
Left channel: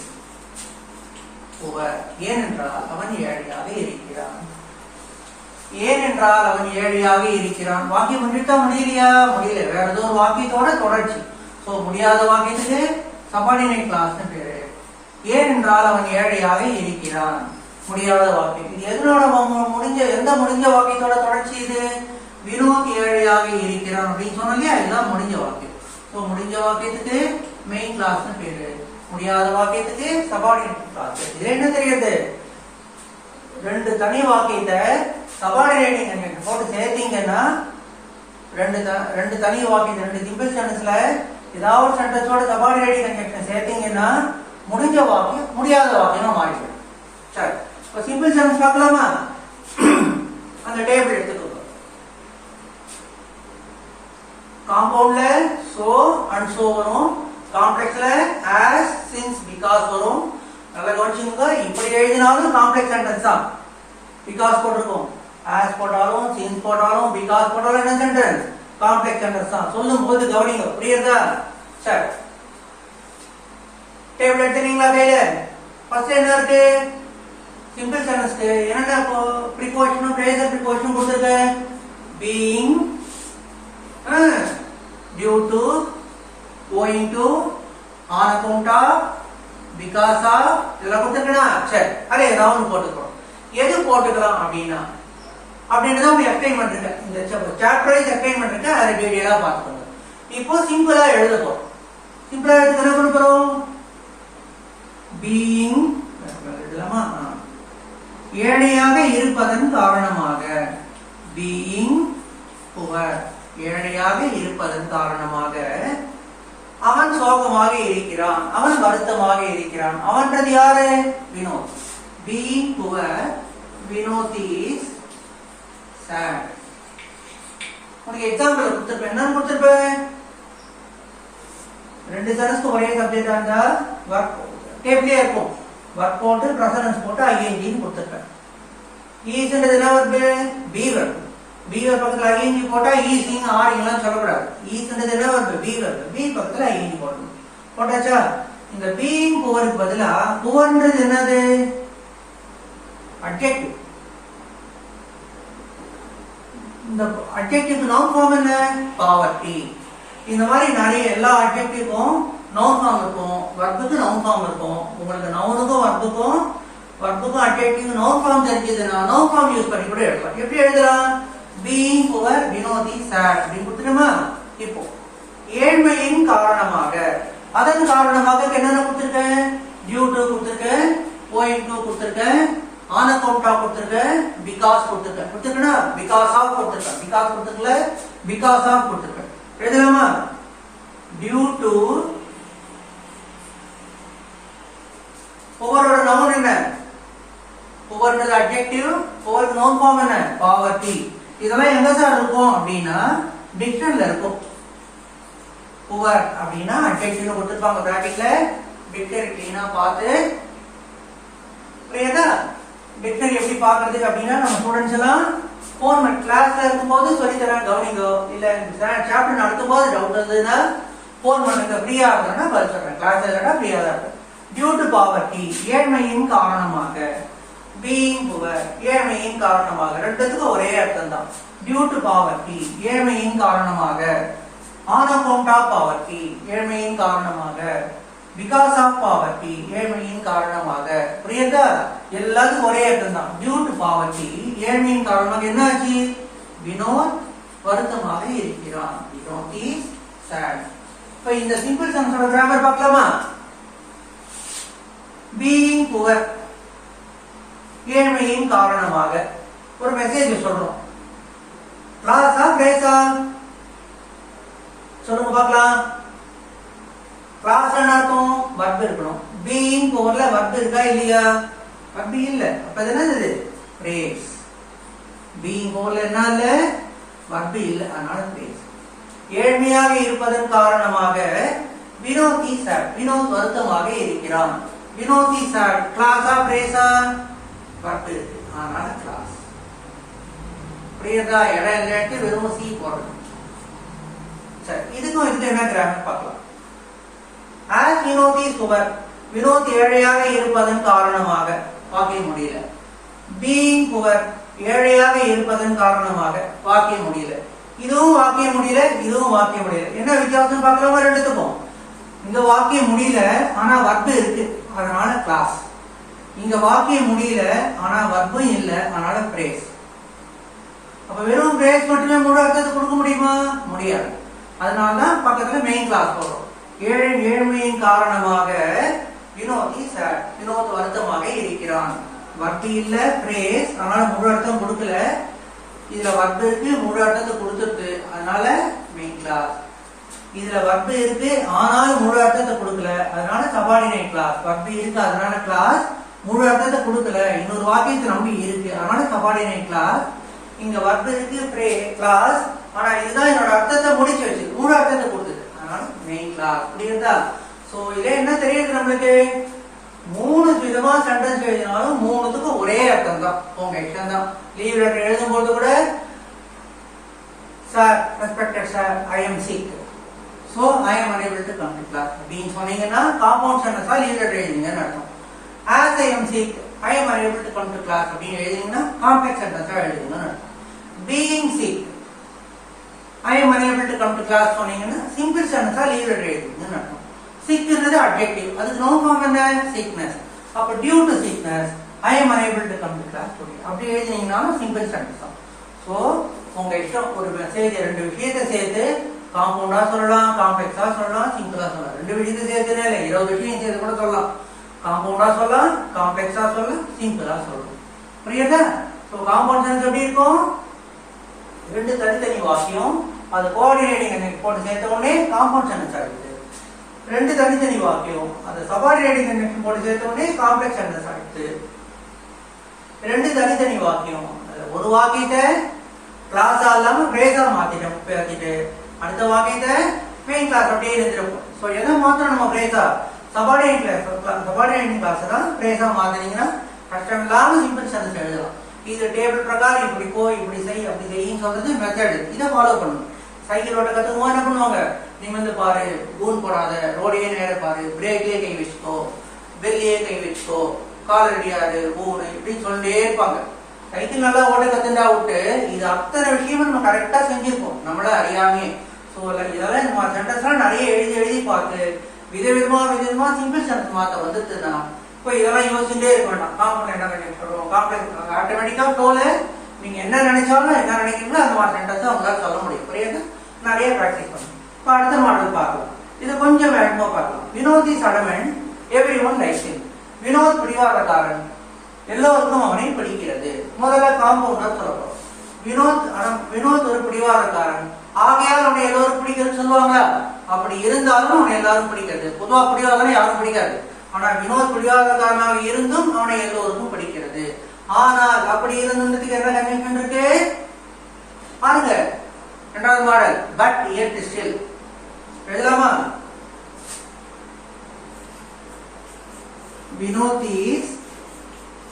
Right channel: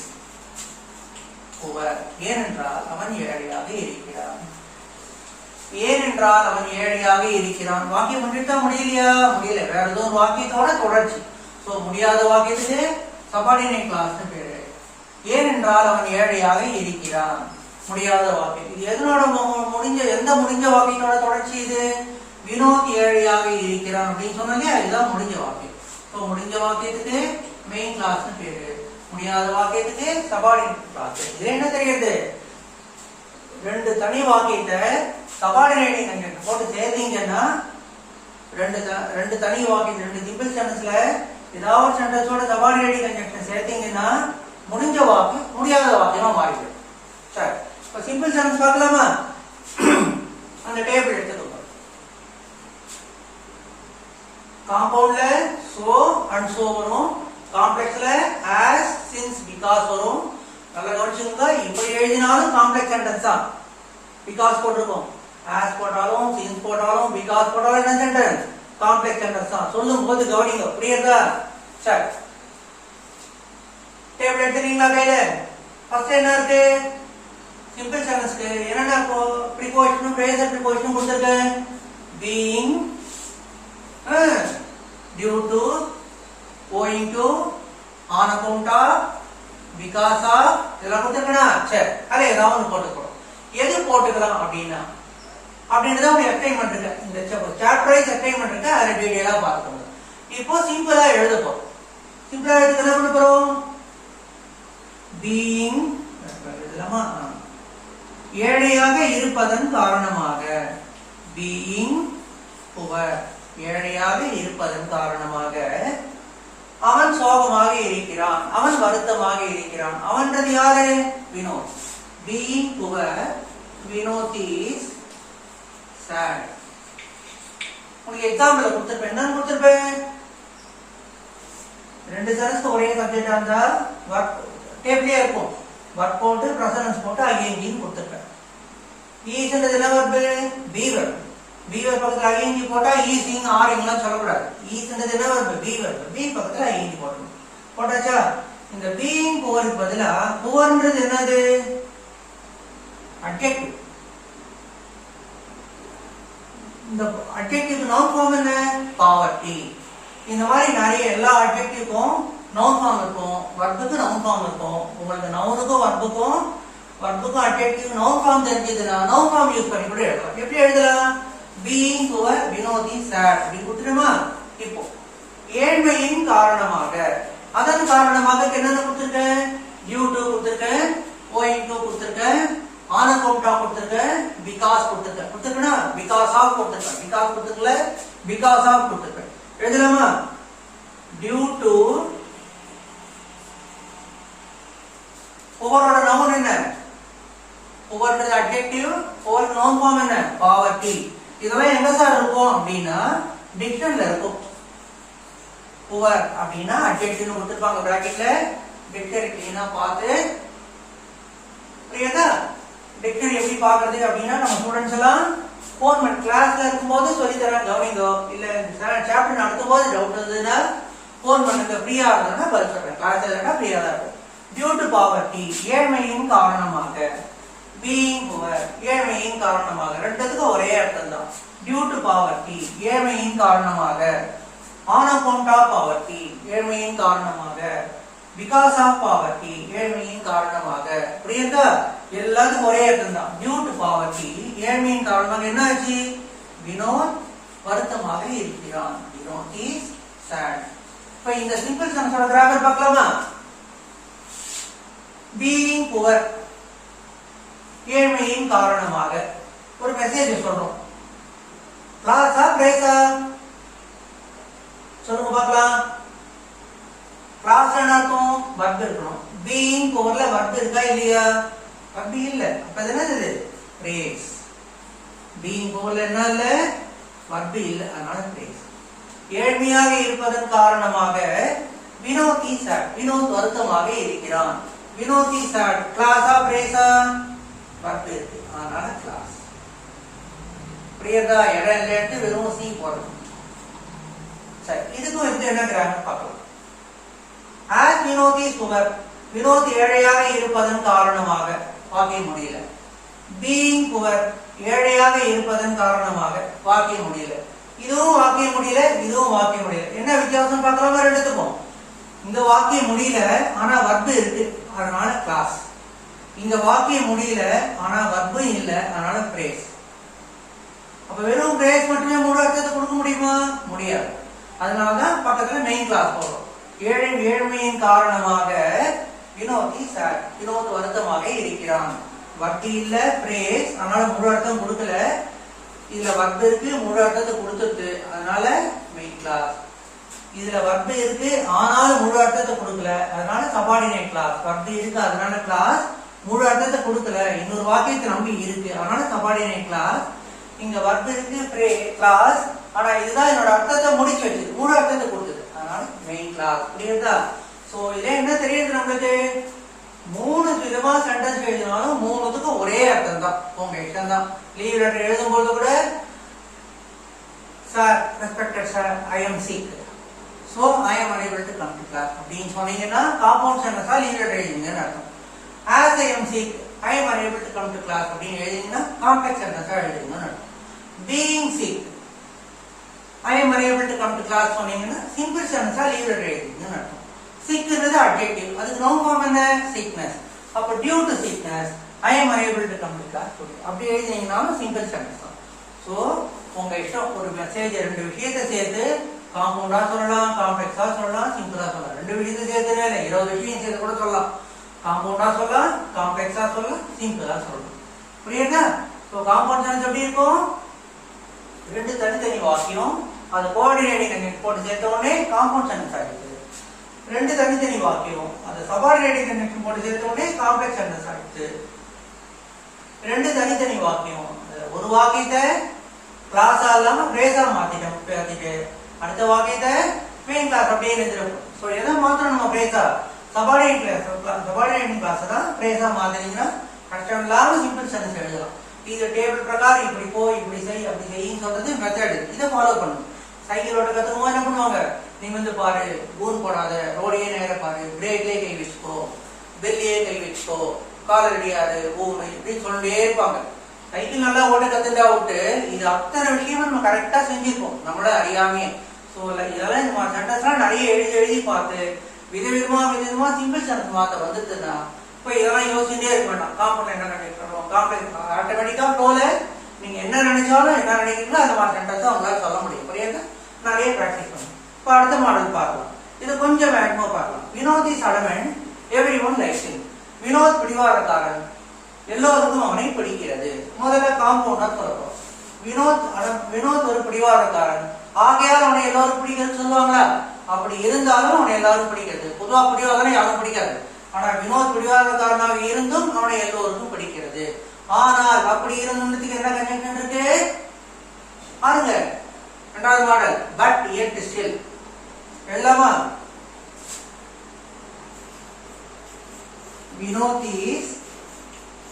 poor. ஏனென்றால் அவன் ஏழையாக இருக்கிறான். ஏனென்றால் அவன் ஏழையாக இருக்கிறான். வாக்கியம் முடித்தா முடியலையா, முடியல. வேற ஏதோ ஒரு வாக்கியத்தோட தொடர்ச்சி. சோ முடியாத வாக்கியத்துக்கு சபார்டினேட் கிளாஸ் பேரு. ஏனென்றால் அவன் ஏழையாக இருக்கிறான், முடியாத வாக்கியம். இது எதனோட எந்த முடிஞ்ச வாக்கியத்தோட தொடர்ச்சி இது, வினோத் ஏழையாக இருக்கிறான் அப்படின்னு சொன்னாலே அதுதான் முடிஞ்ச வாக்கியம். ஸோ முடிஞ்ச வாக்கியத்துக்கு மெயின் கிளாஸ் பேரு, முடியாத வாக்கியத்துக்கு சபார்டினேட் கிளாஸ். இது என்ன தெரியுது, ரெண்டு தனி வாக்கியத்தை சபார்டினேட்டிங் போட்டு சேர்த்தீங்கன்னா ரெண்டு தனி வாக்கியத்தை ரெண்டு சிம்பிள் சென்டென்ஸ்ல ஏதாவது ஒரு சென்டென்ஸோட சபார்டினேட்டிங் கன்ஜங்ஷன் சேர்த்தீங்கன்னா முடிஞ்ச வாக்கியம் முடியாத வாக்கியமா மாறிடும். சரி, இப்போ சிம்பிள் சென்டென்ஸ் பார்க்கலாமா? அந்த டேபிள் எடுத்துக்கோ. காம்பவுண்ட்ல சோ அண்ட் சோ வரும், காம்ப்ளெக்ஸ்ல ஆஸ் சின்ஸ் பிகாஸ் வரும். நல்லா கவனிச்சுங்க, இப்படி எழுதினாலும் காம்ப்ளெக்ஸ் சென்டென்ஸ் தான். பிகாஸ் போட்டிருக்கோம், ஆஸ் போட்டாலும் சின்ஸ் போட்டாலும் பிகாஸ் போட்டாலும் என்ன சென்டென்ஸ், காம்ப்ளெக்ஸ் சென்டென்ஸ் தான். சொல்லும் போது கவனிங்க, புரியுதா? சரி, டேபிள் எடுத்துறீங்களா கையில? ஃபர்ஸ்ட் என்ன இருக்கு, சிம்பிள் சென்டென்ஸ்க்கு என்னென்ன ப்ரிபோசிஷனும் ஃப்ரேசல் ப்ரிபோசிஷனும் கொடுத்திருக்கேன். Being, due to, owing to, on account of, because of, இதெல்லாம் கொடுத்துருக்கா? சரி, அதே ஏதாவது போட்டுக்கிறோம். எது போட்டுக்கலாம் அப்படின்னா தான் ஒரு எக்ஸ்பிளைன்மெண்ட் இருக்கு, இந்த சாப்டர் வைஸ் எக்ஸ்பிளைன்மெண்ட் இருக்கு, அதை டீடைலா பார்த்துக்கோங்க. இப்போ சிம்பிளா எழுத போறோம். சிம்பிளா எழுத என்ன பண்ண போறோம், பீயிங் எழுதலாமா, ஏழையாக இருப்பதன் காரணமாக, பீயிங் புவர், ஏழையாக இருப்பதன் காரணமாக அவன் சோகமாக இருக்கிறான், அவன் வருத்தமாக இருக்கிறான். அவன்றது யாரு, Vinod. Being poor, Vinod is sad. உங்களுக்கு எக்ஸாம்பிள் கொடுத்திருப்பேன், என்ன கொடுத்திருப்பேன், ரெண்டு சென்டென்ஸ் ஒரே சப்ஜெக்டா இருந்தா வர்க் டேபிளே இருக்கும், வர்க் போட்டு பிரசன்ஸ் போட்டு ஐஎன்ஜின்னு கொடுத்திருப்பேன். ஈஸ்ன்றது என்ன verb, be verb. Be verb பக்கத்துல ஐஎன்ஜி போட்டா ஈஸிங் ஆரிங்லாம் சொல்லக்கூடாது. ஈஸ்ன்றது என்ன வர்பு, பி வர்பு. பி பக்கத்துல ஐஎன்ஜி போடணும். போட்டாச்சா? இந்த பீயிங் புவருக்கு பதிலா புவர்ன்றது என்னது? அட்ஜெக்டிவ். இந்த அட்ஜெக்டிவ் நவுன் ஃபார்ம் என்ன? பாவர்ட்டி. இந்த மாதிரி நிறைய எல்லா அட்ஜெக்டிவ்க்கும் நவுன் ஃபார்ம் இருக்கும், வர்புக்கு நவுன் ஃபார்ம் இருக்கும். உங்களுக்கு நவுனுக்கும் வர்புக்கும் அட்ஜெக்டிவ் நவுன் ஃபார்ம் தெரிஞ்சதுன்னா நவுன் ஃபார்ம் யூஸ் பண்ணி கூட எழுதலாம். எப்படி எழுதலாம்? பீயிங் புவர் வினோதி சேட் அப்படி கொடுத்துட்டோமா? இப்போ ஏழ்மையின் காரணமாக, அதன் காரணமாக என்னென்ன கொடுத்துருக்கேன்? டியூ டு கொடுத்துருக்கேன், ஓயிங் டு கொடுத்துருக்கேன், ஆன் அக்கவுண்ட் ஆஃப் கொடுத்துருக்கேன், பிகாஸ் கொடுத்துருக்கேன்னா பிகாஸ் ஆஃப் கொடுத்துருக்கேன், பிகாஸ் கொடுத்துருக்கல பிகாஸ் ஆஃப் கொடுத்துருக்கேன். எழுதலாமா? டியூ டு புவரோட நவுன் என்ன? புவர்ன்றது அட்ஜெக்டிவ், புவர் நவுன் ஃபார்ம் என்ன? பாவர்ட்டி. இதெல்லாம் எங்க சார் இருக்கும் அப்படின்னா டிக்ஷனரியில இருக்கும். புவர் அப்படின்னா அட்ஜெக்டிவ்னு கொடுத்துருப்பாங்க பிராக்கெட்ல. டிக்ஷனரி கிளீனா பார்த்து புரியுதா? டிக்ஷனரி எப்படி பாக்குறது அப்படின்னா நம்ம ஸ்டூடெண்ட்ஸ் எல்லாம் போன் பண்ணி கிளாஸ்ல இருக்கும்போது சொல்லி தரேன், கவனிங்க. இல்ல சாப்டர் நடத்தும் போது டவுட் இருந்ததுன்னா போன் பண்ணுங்க, ஃப்ரீயா இருக்கணும்னா பதில் சொல்றேன். கிளாஸ் இல்லைன்னா ஃப்ரீயா தான் இருக்கு. டியூ டு பாவர்ட்டி ஏழ்மையின் காரணமாக, பீயிங் புவர் ஏழ்மையின் காரணமாக, ரெண்டுத்துக்கும் ஒரே அர்த்தம் தான். டியூ டு பாவர்ட்டி ஏழ்மையின் காரணமாக, ஆன் அக்கவுண்ட் ஆஃப் பாவர்ட்டி ஏழ்மையின் காரணமாக, பிகாஸ் ஆஃப் பாவர்ட்டி ஏழ்மையின் காரணமாக. புரியுதா? எல்லாத்துக்கும் ஒரே அர்த்தம் தான். டியூ டு பாவர்ட்டி ஏழ்மையின் காரணமாக என்ன ஆச்சு? வினோத் வருத்தமாக இருக்கிறான். Vinod is sad. இப்ப இந்த சிம்பிள் சென்டென்ஸோட கிராமர் பார்க்கலாமா? பீயிங் புவர் ஏழ்மையின் காரணமாக ஒரு மெசேஜ் சொல்றோம். கிளாஸா பிரேஸா? சொல்லுங்க பார்க்கலாம். கிளாஸ் என்ன அர்த்தம்? வர்ப் இருக்கணும். பீயிங் புவர்ல வர்ப் இருக்கா இல்லையா? வர்ப் இல்ல. அப்ப இது என்னது? பிரேஸ். பீயிங் புவர்ல என்ன இல்ல? வர்ப் இல்ல, அதனால பிரேஸ். ஏழ்மையாக இருப்பதன் காரணமாக வினோத் இஸ் sad. வினோத் வருத்தமாக இருக்கிறான். Vinod is sad. கிளாஸா பிரேஸா? வர்ப் இருக்கு, அதனால கிளாஸ். புரியுதா? இடம் எடுத்து வெறும் சி போடணும். சரி, இதுக்கும் இது என்ன கிராமர் பார்க்கலாம். as Vinod is poor, Vinod ஏழையாக இருப்பதன் காரணமாக, வாக்கியம் முடியல. being புவர் ஏழையாக இருப்பதன் காரணமாக, வாக்கியம் முடியல. இதுவும் வாக்கியம் முடியல, இதுவும் வாக்கியம் முடியல. என்ன வித்தியாசம் பார்க்கலாமா ரெண்டுத்துக்கும்? இந்த வாக்கியம் முடியல ஆனா வர்பு இருக்கு, அதனால கிளாஸ். இந்த வாக்கியம் முடியல ஆனா வர்பும் இல்ல, அதனால பிரேஸ். அப்ப வெறும் பிரேஸ் மட்டுமே முழு அர்த்தத்தை கொடுக்க முடியுமா? முடியாது. அதனாலதான் பக்கத்துல மெயின் கிளாஸ் போடுறோம். ஏழ்மையின் காரணமாக வினோத் இஸ் sad. வினோத் வருத்தமாக இருக்கிறான். வர்த்தி இல்ல, பிரேஸ், அதனால முழு அர்த்தம் கொடுக்கல. இதுல வர்பு இருக்கு, முழு அர்த்தத்தை கொடுத்துட்டு, அதனால மெயின் கிளாஸ். இதுல வர்பு இருக்கு ஆனாலும் முழு அர்த்தத்தை கொடுக்கல, அதனால சபார்டினேட் கிளாஸ். வர்பு இருக்கு அதனால கிளாஸ், முழு அர்த்தத்தை கொடுக்கல, இன்னொரு வாக்கியத்தை நம்பி இருக்கு, அதனால சபார்டினேட் கிளாஸ். இங்க வர்பு இருக்கு, கிளாஸ், ஆனா இதுதான் என்னோட அர்த்தத்தை முடிச்சு வச்சு முழு அர்த்தத்தை கொடுத்தது, அதனால மெயின் கிளாஸ். புரியுதா? சோ இதுல என்ன தெரியுது நம்மளுக்கு? மூணு விதமா சென்டென்ஸ் எழுதினாலும் மூணுத்துக்கும் ஒரே அர்த்தம் தான். உங்க இஷ்டம் தான். லீவ் லெட்டர் எழுதும் போது கூட sir, respected sir, I am sick, so I am unable to come to class அப்படின்னு சொன்னீங்கன்னா காம்பவுண்ட் சென்டென்ஸா லீவ் லெட்டர் எழுதுங்கன்னு அர்த்தம். as I am sick, I am unable to come to class அப்படின்னு எழுதிங்கன்னா காம்ப்ளெக்ஸ் சென்டென்ஸா எழுதுங்கன்னு அர்த்தம். being sick, I am unable to come to class சொன்னீங்கன்னா simple சென்டென்ஸா leave letter எழுதுங்கன்னு அர்த்தம். சிக்ன்றது அட்ஜெக்டிவ், அதுக்கு நவுன் ஃபார்ம் என்ன? sickness. அப்ப due to sickness I am unable to come to class அப்படி எழுதினீங்கன்னா simple sentence தான். சோ உங்க இஷ்டம். ஒரு மெசேஜ் ரெண்டு விஷயத்தை சேர்த்து காம்பவுண்டா சொல்லலாம், காம்ப்ளெக்ஸா சொல்லலாம், சிம்பிளா சொல்லலாம். ரெண்டு விஷயத்தை சேர்த்துனே இல்லை, 20 விஷயம் சேர்த்து கூட சொல்லலாம். காம்பவுண்டா சொல்லலாம், காம்ப்ளெக்ஸா சொல்லலாம், சிம்பிளா சொல்லலாம். புரியுதா? சோ காம்பவுண்ட் சென்டென்ஸ் எப்படி இருக்கும்? ரெண்டு தனித்தனி வாக்கியம், அது கோஆர்டினேட்டிங் போட்டு சேர்த்த உடனே காம்பவுண்ட் சென்டென்ஸ் ஆயிடுது. ரெண்டு தனித்தனி வாக்கியம், அது சபார்டினேட்டிங் கனெக்ஷன் போட்டு சேர்த்த உடனே காம்ப்ளெக்ஸ் சென்டென்ஸ் ஆயிடுச்சு. ரெண்டு தனித்தனி வாக்கியம், ஒரு வாக்கியத்தை கிளாஸா இல்லாம பிரேஸா மாத்திட்டு அடுத்த வாக்கியத்தை மெயின் கிளாஸ் அப்படியே எழுதிடும். சோ எதை மாத்திரம் நம்ம பிரேஸா? சபார்டினேட் கிளாஸ் தான் பிரேஸா மாத்தினீங்கன்னா கஷ்டம் இல்லாம சிம்பிள் சென்டென்ஸ் எழுதலாம். இது டேபிள் பிரகாரம் இப்படி போ, இப்படி செய், அப்படி செய்யும் சொல்றது மெத்தட். இதை ஃபாலோ பண்ணுங்க. சைக்கிள் ஓட்ட கத்துக்குமா என்ன பண்ணுவாங்க, நீ வந்து பாரு கூன் போடாத, ரோடையே நேர பாரு, பிரேக்லயே கை வச்சுக்கோ, பெல்லியே கை வச்சுக்கோ, கால் ரெடியாரு ஊரு இப்படின்னு சொல்லிட்டே இருப்பாங்க. சைக்கிள் நல்லா ஓட்ட கத்துண்டா விட்டு இது அத்தனை விஷயமும் நம்ம கரெக்டா செஞ்சிருப்போம் நம்மள அறியாமையே. ஸோ இதெல்லாம் நம்ம சென்டென்ஸ்லாம் நிறைய எழுதி எழுதி பார்த்து விதவிதமா சிம்பிள் சென்டென்ஸ் மாத்த வந்துருதுன்னா இப்போ இதெல்லாம் யோசிச்சுட்டே இருக்க வேண்டாம். காம்பவுண்ட் என்ன நினைக்கிறோம், காம்ப்ளெக்ஸ் ஆட்டோமேட்டிக்கா ஃப்ளோல நீங்க என்ன நினைச்சாலும் என்ன நினைக்கிறீங்களோ அந்த மாதிரி சென்டென்ஸ் அவங்களால சொல்ல முடியும். புரியுது? நிறைய ப்ராக்டிஸ் பண்ணும். இப்போ அடுத்த மாடல் பார்க்கலாம். இது கொஞ்சம் வேகமா பார்க்கலாம். Vinod is adamant, everyone likes him. Vinod பிடிவாதக்காரன், எல்லோருக்கும் அவனை பிடிக்கிறது. முதல்ல காம்பவுண்ட் சொல்லப்போம். வினோத் ஒரு பிடிவாதக்காரன், ஆகையால் அவனை எல்லோரும் பிடிக்கிறது சொல்லுவாங்களா? அப்படி இருந்தாலும் அவனை எல்லாரும் பிடிக்கிறது. பொதுவா பிடிவாதம் யாரும் பிடிக்காது. ஆனா வினோத் பிடிவாதக்காரனாக இருந்தும் அவனை எல்லோருக்கும் பிடிக்கிறது. ஆனால் அப்படி இருந்ததுக்கு என்ன கன்வென்ஷன் இருக்கு பாருங்க. இரண்டாவது மாடல், பட் yet still எழுதலாமா? வினோத் இஸ்,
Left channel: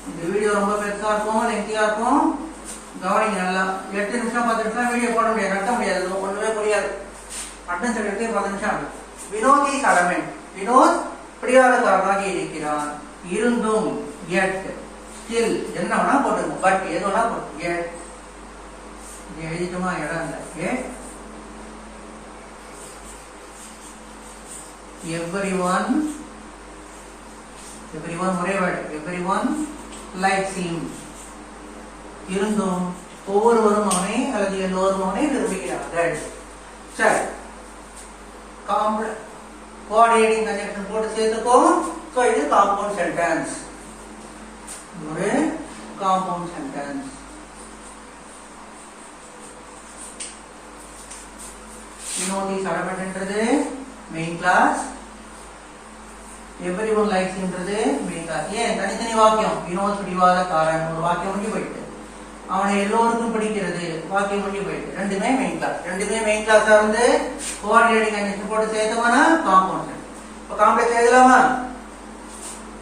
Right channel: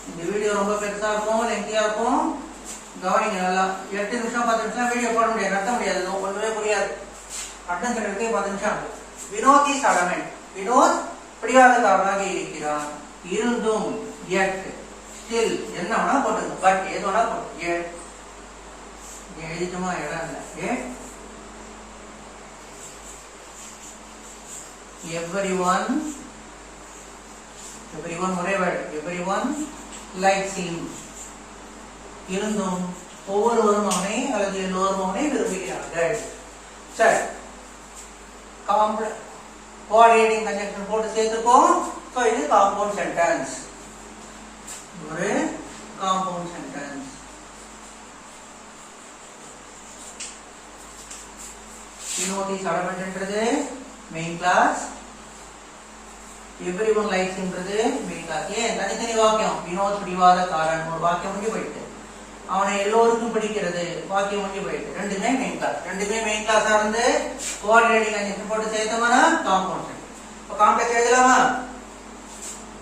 இந்த வீடியோ ரொம்ப பெருசா இருக்கும், லெங்தியா இருக்கும், கவனிங்க நல்லா. 8 நிமிஷம் 10 நிமிஷம் வீடியோ போட முடியாது, நடத்த முடியாது, ஒண்ணுமே புரியாது. அட்டன்ஸ் எடுத்து 10 நிமிஷம் ஆகும். வினோத் இஸ் அடமெண்ட், வினோத் பிடிவாதக்காரனாக இருக்கிறான், இருந்தும் yet still என்ன வேணா போட்டுங்க, பட் எது வேணா போட்டு yet எழுதிட்டுமா இடம் இல்லை. everyone ஒரே வேர்ட், everyone likes him. இருந்தும் ஒவ்வொருவரும் அவனை அல்லது எல்லோரும் அவனை விரும்புகிறார்கள். சரி, கோஆர்டினேட்டிங் கன்ஜங்ஷன் போட்டு சேர்த்துக்கோம். சோ இது காம்பவுண்ட் சென்டென்ஸ், ஒரு compound sentence. Vinod is adamant என்றது மெயின் கிளாஸ், everyone likes என்றது மெயின் கிளாஸ். ஏன் தனித்தனி வாக்கியம்? வினோத் பிடிவாதக்காரன் ஒரு வாக்கியம் முடிஞ்சு போயிட்டு, அவனை எல்லோருக்கும் பிடிக்கிறது வாக்கியம் முடிஞ்சு போயிட்டு, ரெண்டுமே மெயின் கிளாஸ். ரெண்டுமே மெயின் கிளாஸா இருந்து கோஆர்டினேட்டிங் கன்ஜங்ஷன் போட்டு சேர்த்தோம்னா காம்பவுண்ட் சென்டென்ஸ். இப்ப காம்ப்ளெக்ஸ் எழுதலாமா?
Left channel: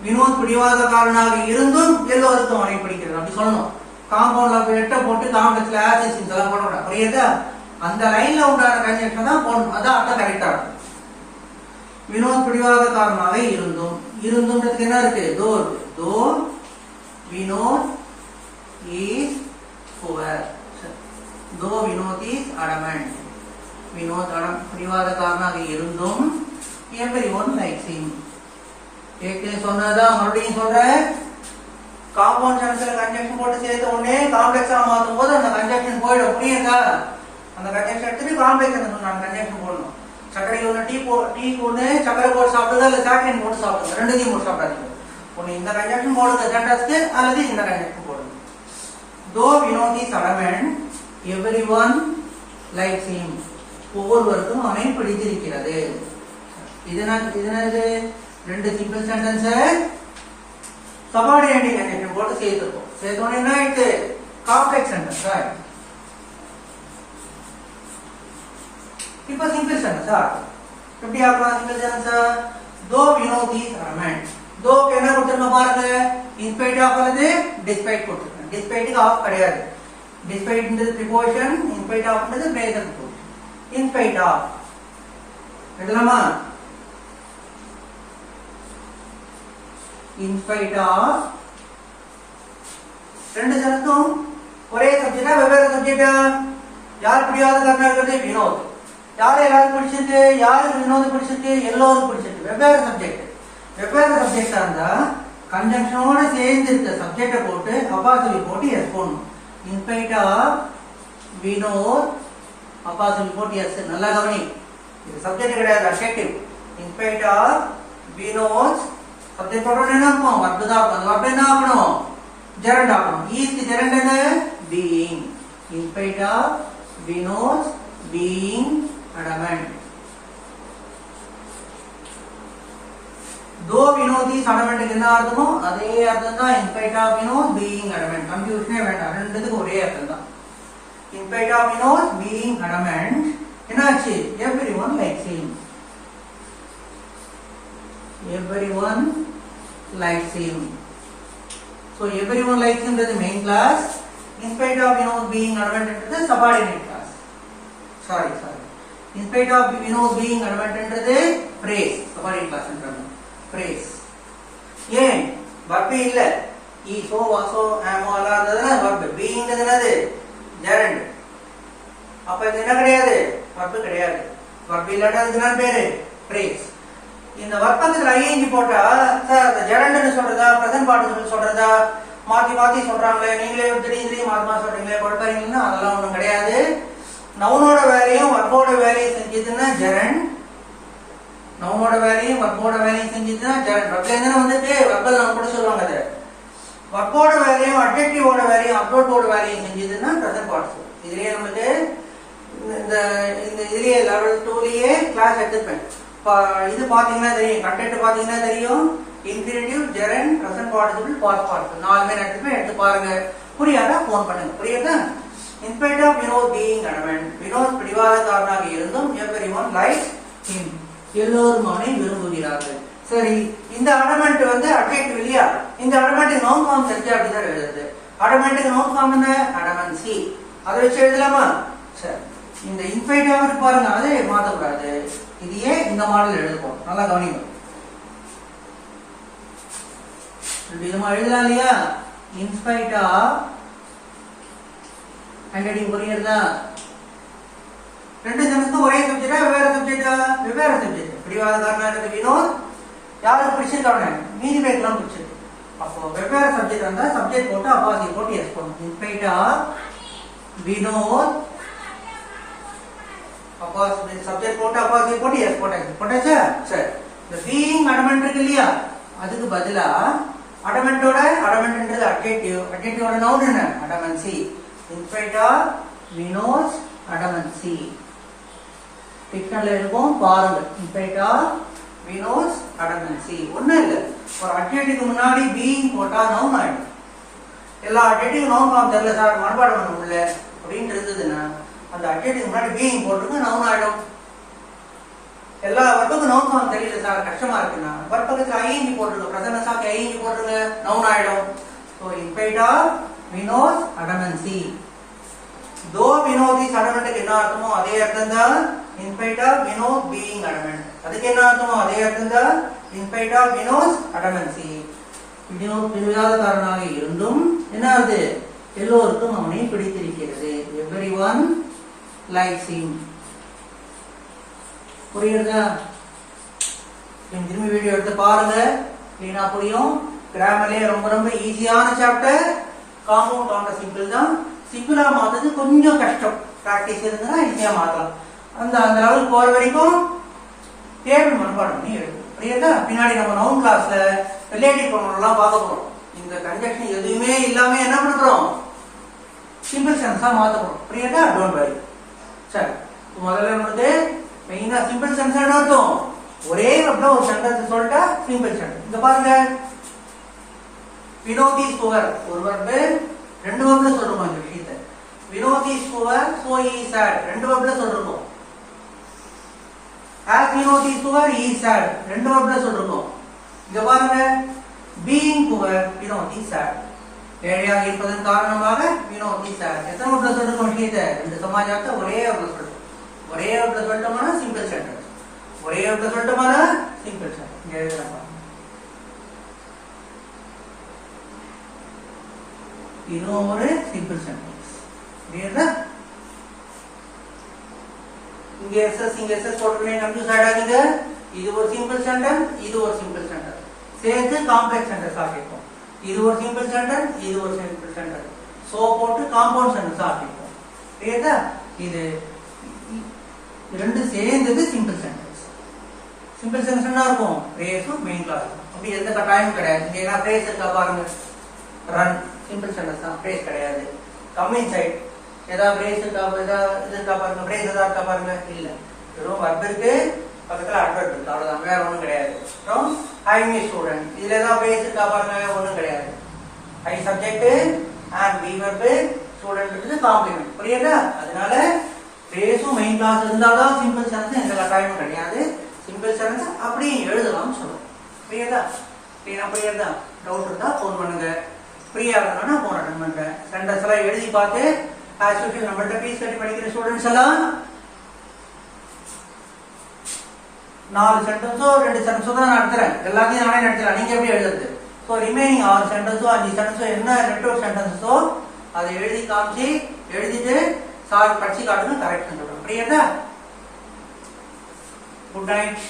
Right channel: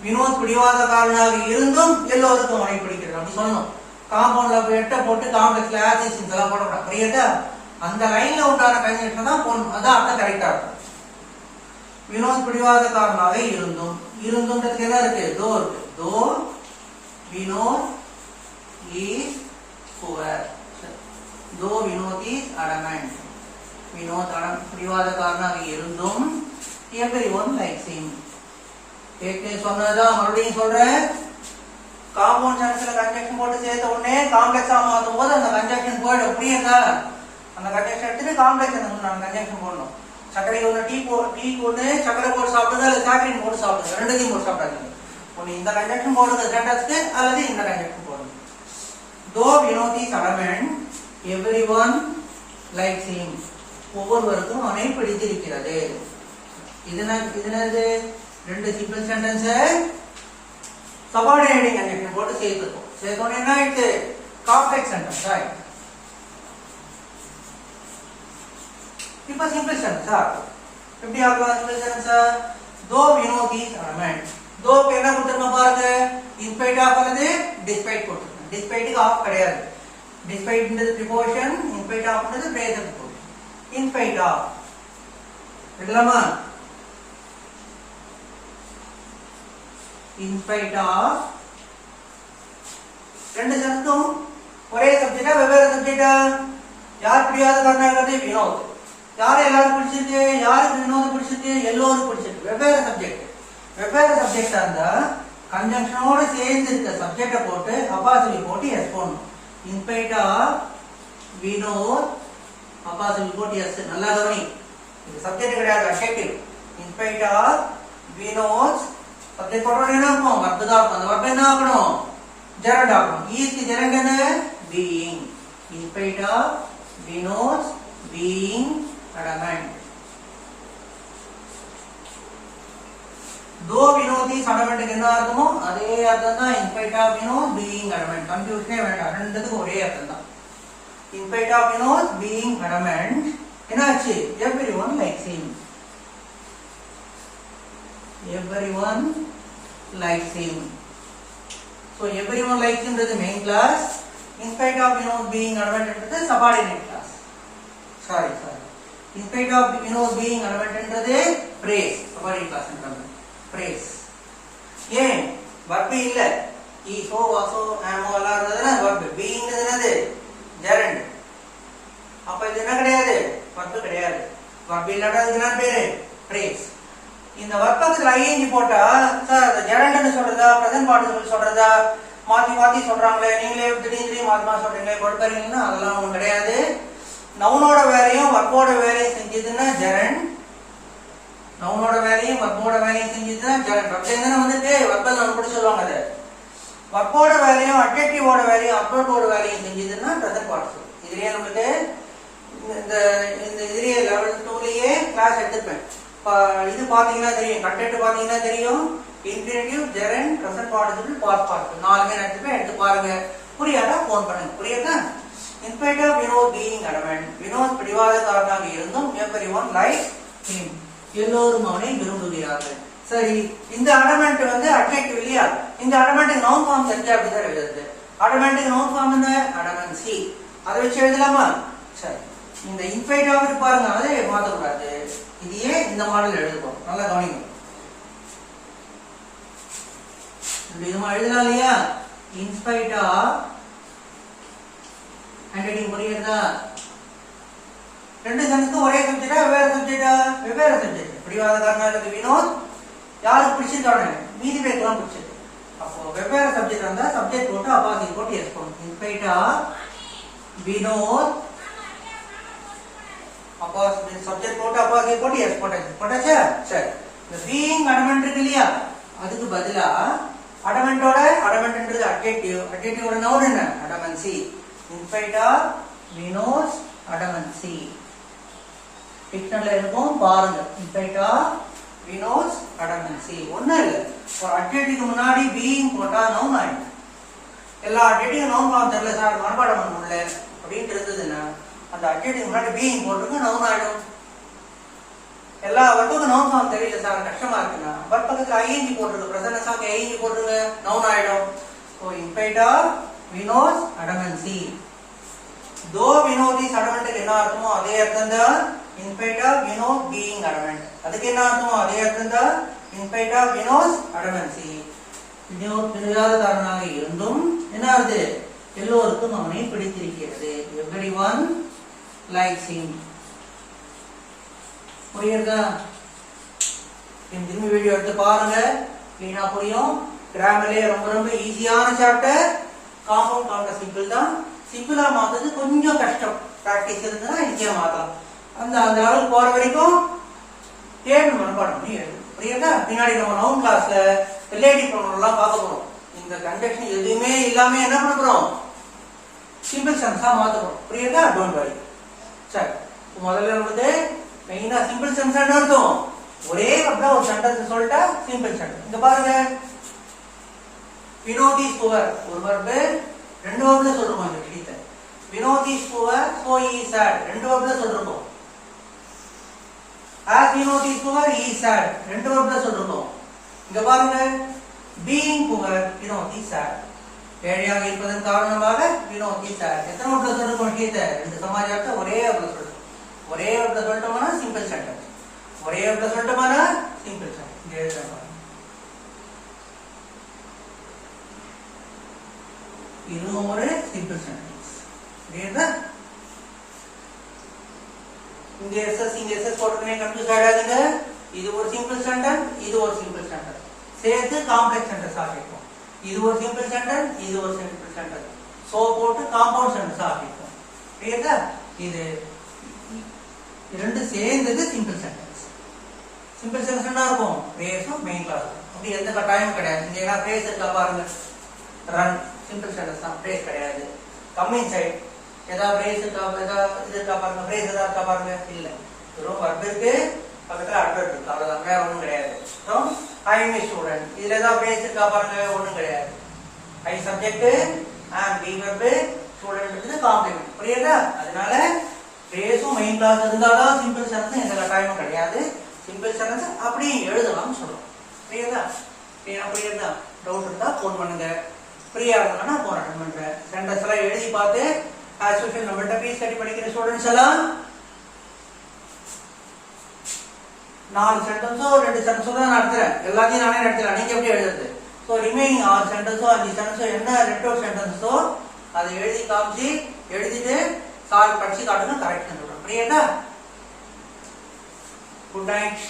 வினோத் பிடிவாதக்காரனாக இருந்தும் எல்லோருக்கும் அவனை பிடிக்கிறது அப்படி சொல்லணும். காம்பவுண்ட்ல எட்ட போட்டு காம்ப்ளெக்ஸ்ல ஆசிஸ் இதெல்லாம் போடக்கூடாது. புரியுதா? அந்த லைன்ல உண்டான கன்ஜங்ஷன் தான் போடணும். அதான் அர்த்தம் கரெக்டா இருக்கும். வினோத் பிடிவாதக்காரனாக இருந்தும், இருந்தும்ன்றதுக்கு என்ன இருக்கு? தோ இருக்கு. தோ வினோத் இஸ் புவர், தோ வினோத் இஸ் அடமெண்ட், வினோத் பிடிவாதக்காரனாக இருந்தும் everyone likes him. ஏற்கனவே சொன்னதான் மறுபடியும் சொல்றேன். காம்பவுண்ட் சென்டென்ஸ்ல கன்ஜங்ஷன் போட்டு சேர்த்த உடனே காம்ப்ளெக்ஸா மாத்தும் போது அந்த கன்ஜங்ஷன் போயிடும். புரியுதா? அந்த கன்ஜங்ஷன் எடுத்துட்டு காம்ப்ளெக்ஸ் கன்ஜங்ஷன் போடணும். சர்க்கரை ஒன்று டீ ஒன்று சர்க்கரை போட்டு சாப்பிடுறது அல்லது சாக்கரைன் போட்டு சாப்பிடுங்க, ரெண்டுத்தையும் போட்டு சாப்பிடாதீங்க. ஒன்று இந்த கன்ஜங்ஷன் போடுங்க சென்டென்ஸ்க்கு அல்லது இந்த கன்ஜங்ஷன் போடுங்க. Though Vinod is adamant, everyone likes him. ஒவ்வொருவருக்கும் அவனை பிடித்திருக்கிறது. இது ரெண்டு சிம்பிள் சென்டென்ஸ் சபார்டினேட்டிங் கன்ஜங்ஷன் போட்டு சேர்த்துக்கோம். சேர்த்தோன்னு என்ன ஆயிடுச்சு? Complex sentence. இப்ப சிம்பிள் சென்டென்ஸ் எப்படி ஆக்கலாம்? சிம்பிள் சென்டென்ஸ் தோ வினோத் இஸ் அடமெண்ட், தோக்கு என்ன கொடுத்துருக்கோம் பாருங்க, இன்ஸ்பைட் ஆஃப் அல்லது டிஸ்பைட் கொடுத்துருக்கோம். டிஸ்பைட்டுக்கு ஆஃப் கிடையாது. டிஸ்பைட்ன்றது ப்ரிபோசிஷன், இன்ஸ்பைட் ஆஃப்ன்றது பிரேசன்ட் ப்ரிபோசிஷன். இன்ஸ்பைட் ஆஃப் எழுதலாமா? இன்ஸ்பைட் ஆஃப் ரெண்டு சென்டென்ஸும் ஒரே சப்ஜெக்டா வெவ்வேறு சப்ஜெக்டா? யார் பிடிவாதக்காரனா இருக்கிறது? வினோத். யாரு எல்லாரும் பிடிச்சிருக்கு? யாருக்கு வினோத் பிடிச்சிருக்கு? எல்லோரும் பிடிச்சிருக்கு. வெவ்வேறு சப்ஜெக்ட். வெவ்வேறு சப்ஜெக்டா இருந்தா கன்ஜங்ஷனோட சேர்ந்து இருக்க சப்ஜெக்ட போட்டு அப்பாசிலி போட்டு எஸ் போடணும். இன்ஸ்பைட் ஆஃப் வினோத் அப்பாசிலி போட்டு எஸ். நல்லா கவனி, இது சப்ஜெக்ட் கிடையாது, adjective. In spite of Vinod subject போட்டோட என்ன இருக்கும்? வர்பு தான் இருக்கும். அந்த வர்பு என்ன ஆகணும்? ஜெரண்ட் ஆகணும். ஈஸ்க்கு ஜெரண்ட் என்ன? Being. In spite of Vinod being adamant. Though Vinod इस adamant என்ன அர்த்தமோ அதே அர்த்தம் தான் in spite of Vinod being adamant. கன்ஃபியூஷனே வேண்டாம், ரெண்டுத்துக்கும் ஒரே அர்த்தம் தான். In spite of Vinod being adamant என்னாச்சு? everyone likes him. everyone likes him. So everyone likes him is the main class. In spite of Vinod being adamant is the subordinate class. Sorry in spite of being அடமெண்ட்ன்றது phrase சபாரி கிளாஸ்ன்றாங்க phrase ஏன் verb இல்ல ஈ so வாசோ ஆமோ எல்லாம் இருந்ததுன்னா வர்ப் பீயிங்ன்றது என்னது gerund அப்ப இது என்ன கிடையாது வர்ப் கிடையாது வர்ப் இல்லாட்டா அதுக்கு என்ன பேரு ஃப்ரேஸ் இந்த வர்க்கத்துல ஐஎன்ஜி போட்டா சார் அது ஜெரண்ட்னு சொல்றதா பிரசன்ட் பார்ட்டிசிபிள் சொல்றதா மாத்தி சொல்றாங்களே நீங்களே திடீர்னு மாத்தி சொல்றீங்களே கொடுக்கறீங்கன்னா அதெல்லாம் ஒண்ணும் கிடையாது நவுனோட வேலையும் வர்போட வேலையும் செஞ்சதுன்னா ஜெரண்ட் நவுனோட வேலையும் வர்போட வேலையும் செஞ்சதுன்னா ஜெரண்ட் வர்ப்ல இருந்து வந்துட்டு வர்பல் நம்ம கூட சொல்லுவாங்க அது வர்போட வேலையும் அட்ஜெக்டிவோட வேலையும் அப்ரோட்டோட வேலையும் செஞ்சதுன்னா பிரசன்ட் பார்ட்டிசிபிள் இதுலயே நமக்கு இந்த இதுலயே லெவல் 2லயே கிளாஸ் எடுத்துப்பேன் இது பாத்தீங்கன்னா தெரியும் கண்டென்ட் பாத்தீங்கன்னா தெரியும் infinitive gerund present participle past participle நாலுமே எடுத்து பாருங்க புரியாதா போன் பண்ணுங்க புரியுதா in spite of being adamant Vinod பிடிவாதக்காரனாக இருந்தும் எவரிஒன் லைக் ஹிம் எல்லோரும் அவனை விரும்புகிறார்கள் சரி இந்த அடமெண்ட் வந்து அட்ஜெக்டிவ் இல்லையா இந்த அடமெண்ட்டுக்கு நவுன் ஃபார்ம் தெரிஞ்சா அப்படிதான் எழுதுறது அடமெண்ட்டுக்கு நவுன் ஃபார்ம் என்ன அடமென்சி அதை வச்சு எழுதலாமா சரி இந்த இன்ஸ்பைட் ஆஃப் பாருங்க அதை மாத்தக்கூடாது இதையே இந்த மாடல் எழுதுவோம் நல்லா கவனிங்க விதமா எழுதலாம் இல்லையா இன்ஸ்பைட் ஆஃப் ஹேண்ட்ரைட்டிங் புரியுறதா ரெண்டு சென்டென்ஸும் ஒரே சப்ஜெக்டா வெவ்வேறு சப்ஜெக்ட் பிடிவாதக்காரனாக வினோத் யாருக்கு பிடிச்சிருக்கானே மீதி பேருக்குலாம் பிடிச்சிருக்கு அப்போ வெவ்வேறு சப்ஜெக்ட் இருந்தா சப்ஜெக்ட் போட்டு அப்பாசி போட்டு எஸ் பண்ணும் இன்ஸ்பைட் ஆஃப் வினோத் அப்பா சப்ஜெக்ட் போட்டு அப்பாசி போட்டு எஸ் போட்டாச்சா சரி இந்த பீயிங் அடமெண்ட் இருக்கு இல்லையா அதுக்கு பதிலா அடமெண்ட்ன்றது அட்ஜெக்டிவோட நவுன் என்ன அடமென்சி இன்ஸ்பைட் ஆஃப் வினோத் அடமென்சி பிக்சர்ல இருக்கும் பாருங்க இன்ஸ்பைட் ஆஃப் வினோத் அடமென்சி ஒண்ணும் இல்ல ஒரு அட்ஜெக்டிவ்க்கு முன்னாடி பீயிங் போட்டா நவுன் ஆயிடும் எல்லா அட்ஜெக்டிவ் நவுன் ஃபார்ம் தெரியல சார் மனப்பாடம் பண்ண முடியல அப்படின்னு இருந்ததுன்னா அந்த அட்ஜெக்டிவ் முன்னாடி பீயிங் போட்டுருங்க நவுன் ஆயிடும் எல்லா வர்க்குக்கும் நவுன் ஃபார்ம் தெரியல சார் கஷ்டமா இருக்குன்னா வர்க் பக்கத்துல ஐஎன்ஜி போட்டுருங்க பிரசன்ட் சாக்கு ஐஎன்ஜி போட்டுருங்க நவுன் ஆயிடும் so in spite of Vinod adamancy though Vinod is adamant என்ன அர்த்தமோ அதே அர்த்தம் தான் in spite of Vinod being adamant அதுக்கு என்ன அர்த்தமோ அதே அர்த்தம் தான் in spite of Vinod adamancy Vinod பிடிவாதக்காரனாக இருந்தும் என்ன ஆகுது எல்லோருக்கும் அவனை பிடித்திருக்கிறது எவரிஒன் லைக்ஸ் ஹிம் புரியுதா திரும்பி வீடியோ எடுத்து பாருங்க கிளீனா புரியும் கிராமர்லயே ரொம்ப ஈஸியான சாப்டர் காம்பவுண்ட் கவுண்டர் சிம்பிள் தான் சிம்பிளா மாத்தது கொஞ்சம் கஷ்டம் பிராக்டிஸ் இருந்தா ஈஸியா மாத்தலாம் அந்த லெவல் போற வரைக்கும் டேபிள் மனப்பாடம் பண்ணி எழுதும் புரியுதா பின்னாடி நம்ம நவுன் கிளாஸ்ல ரிலேட்டிவ் ப்ரொனவுன் எல்லாம் பார்க்க போறோம் இந்த கன்ஜெக்ஷன் எதுவுமே இல்லாம என்ன பண்ண போறோம் சிம்பிள் சென்ஸா மாத்த போறோம் புரியுதா டோன்ட் வரி சரி முதல்ல வந்து மெயினா சிம்பிள் சென்ஸ் அர்த்தம் ஒரே அப்படின்னா ஒரு சென்டென்ஸ் சொல்லிட்டா சிம்பிள் சென்டென்ஸ் இந்த பாருங்க வினோத் இஸ் புவர் ஒரு வர்பு ரெண்டு வர்ப்ல சொல்றோம் அந்த விஷயத்தை Vinod is poor so he is sad ரெண்டு வர்ப்ல சொல்றோம் as Vinod is poor he is sad ரெண்டு வர்ப்ல சொல்றோம் இங்க பாருங்க being poor Vinod is sad ஏழையாக இருப்பதன் காரணமாக வினோத் இஸ் sad எத்தனை வர்ப்ல சொல்றோம் விஷயத்தை ரெண்டு சமாஜத்தை ஒரே வர்ப்ல சொல்றோம் ஒரே வர்ப்ல சொல்லிட்டோம்னா சிம்பிள் சென்டென்ஸ் ஒரே வர்ப்ல சொல்லிட்டோம்னா சிம்பிள் சென்டென்ஸ் இங்க எழுதுறேன் இதுவும் ஒரு சிம்பிள் சென்டென்ஸ் புரியுதா இங்க எஸ்எஸ் போட்டுக்கணும் கன்ஃபியூஸ் ஆயிடாதீங்க இது ஒரு சிம்பிள் சென்டென்ஸ் இது ஒரு சிம்பிள் சென்டென்ஸ் சேர்த்து காம்ப்ளெக்ஸ் சென்டென்ஸ் ஆக்கிப்போம் இது ஒரு சிம்பிள் சென்டென்ஸ் இது ஒரு சிம்பிள் சென்டென்ஸ் சோ போட்டு காம்பவுண்ட் சென்டென்ஸ் ஆக்கிப்போம் புரியுதா இது ரெண்டு சேர்ந்தது சிம்பிள் சென்டென்ஸ் சிம்பிள் சென்டென்ஸ் என்ன இருக்கும் பிரேஸும் மெயின் கிளாஸ் அப்படி எந்த கட்டாயமும் கிடையாது இங்க எல்லாம் பிரேஸ் இருக்கா பாருங்க ரன் சிம்பிள் சென்டென்ஸ் தான் பிரேஸ் கிடையாது கம் இன்சைட் ஏதாவது பிரேஸ் இருக்கா இருக்கா பாருங்க பிரேஸ் ஏதாவது இருக்கா பாருங்க இல்ல வெறும் வர்ப் இருக்கு பக்கத்துல அட்வர்ப் இருக்கு அவ்வளவுதான் வேற ஒண்ணும் கிடையாது அப்புறம் ஐ எம் ஸ்டூடெண்ட் இதுல ஏதாவது பிரேஸ் இருக்கா பாருங்க ஒண்ணும் கிடையாது I subject and be verb student complement புரியுதா அதனால பிரேஸும் மெயின் கிளாஸ் இருந்தாதான் சிம்பிள் சென்டென்ஸ் எந்த கட்டாயமும் கிடையாது சிம்பிள் சென்டென்ஸ் அப்படியே எழுதலாம்னு சொல்றோம் புரியுதா புரியுதா டவுட் இருந்தா போன் பண்ணுங்க ஃப்ரீயா இருந்தா போன் அட்டன் பண்றேன் சென்டென்ஸ் எல்லாம் எழுதி பார்த்து ஆஸ் யூஷுவல் நம்மள்ட்ட பீஸ் கட்டி படிக்கிற ஸ்டூடெண்ட்ஸ் எல்லாம் 4 சென்டென்ஸோ 2 சென்டென்ஸோ தான் நடத்துறேன். எல்லாத்தையும் நானே நடத்துறேன். நீங்க எப்படி எழுதுறது? ஸோ ரிமைனிங் 6 சென்டென்ஸோ 5 சென்டென்ஸோ என்ன ரெட்டோ சென்டென்ஸோ அதை எழுதி காமிச்சு எழுதிட்டு சார் படிச்சு காட்டுன்னு கரெக்ட் சொல்றேன். புரியுதா? Good night.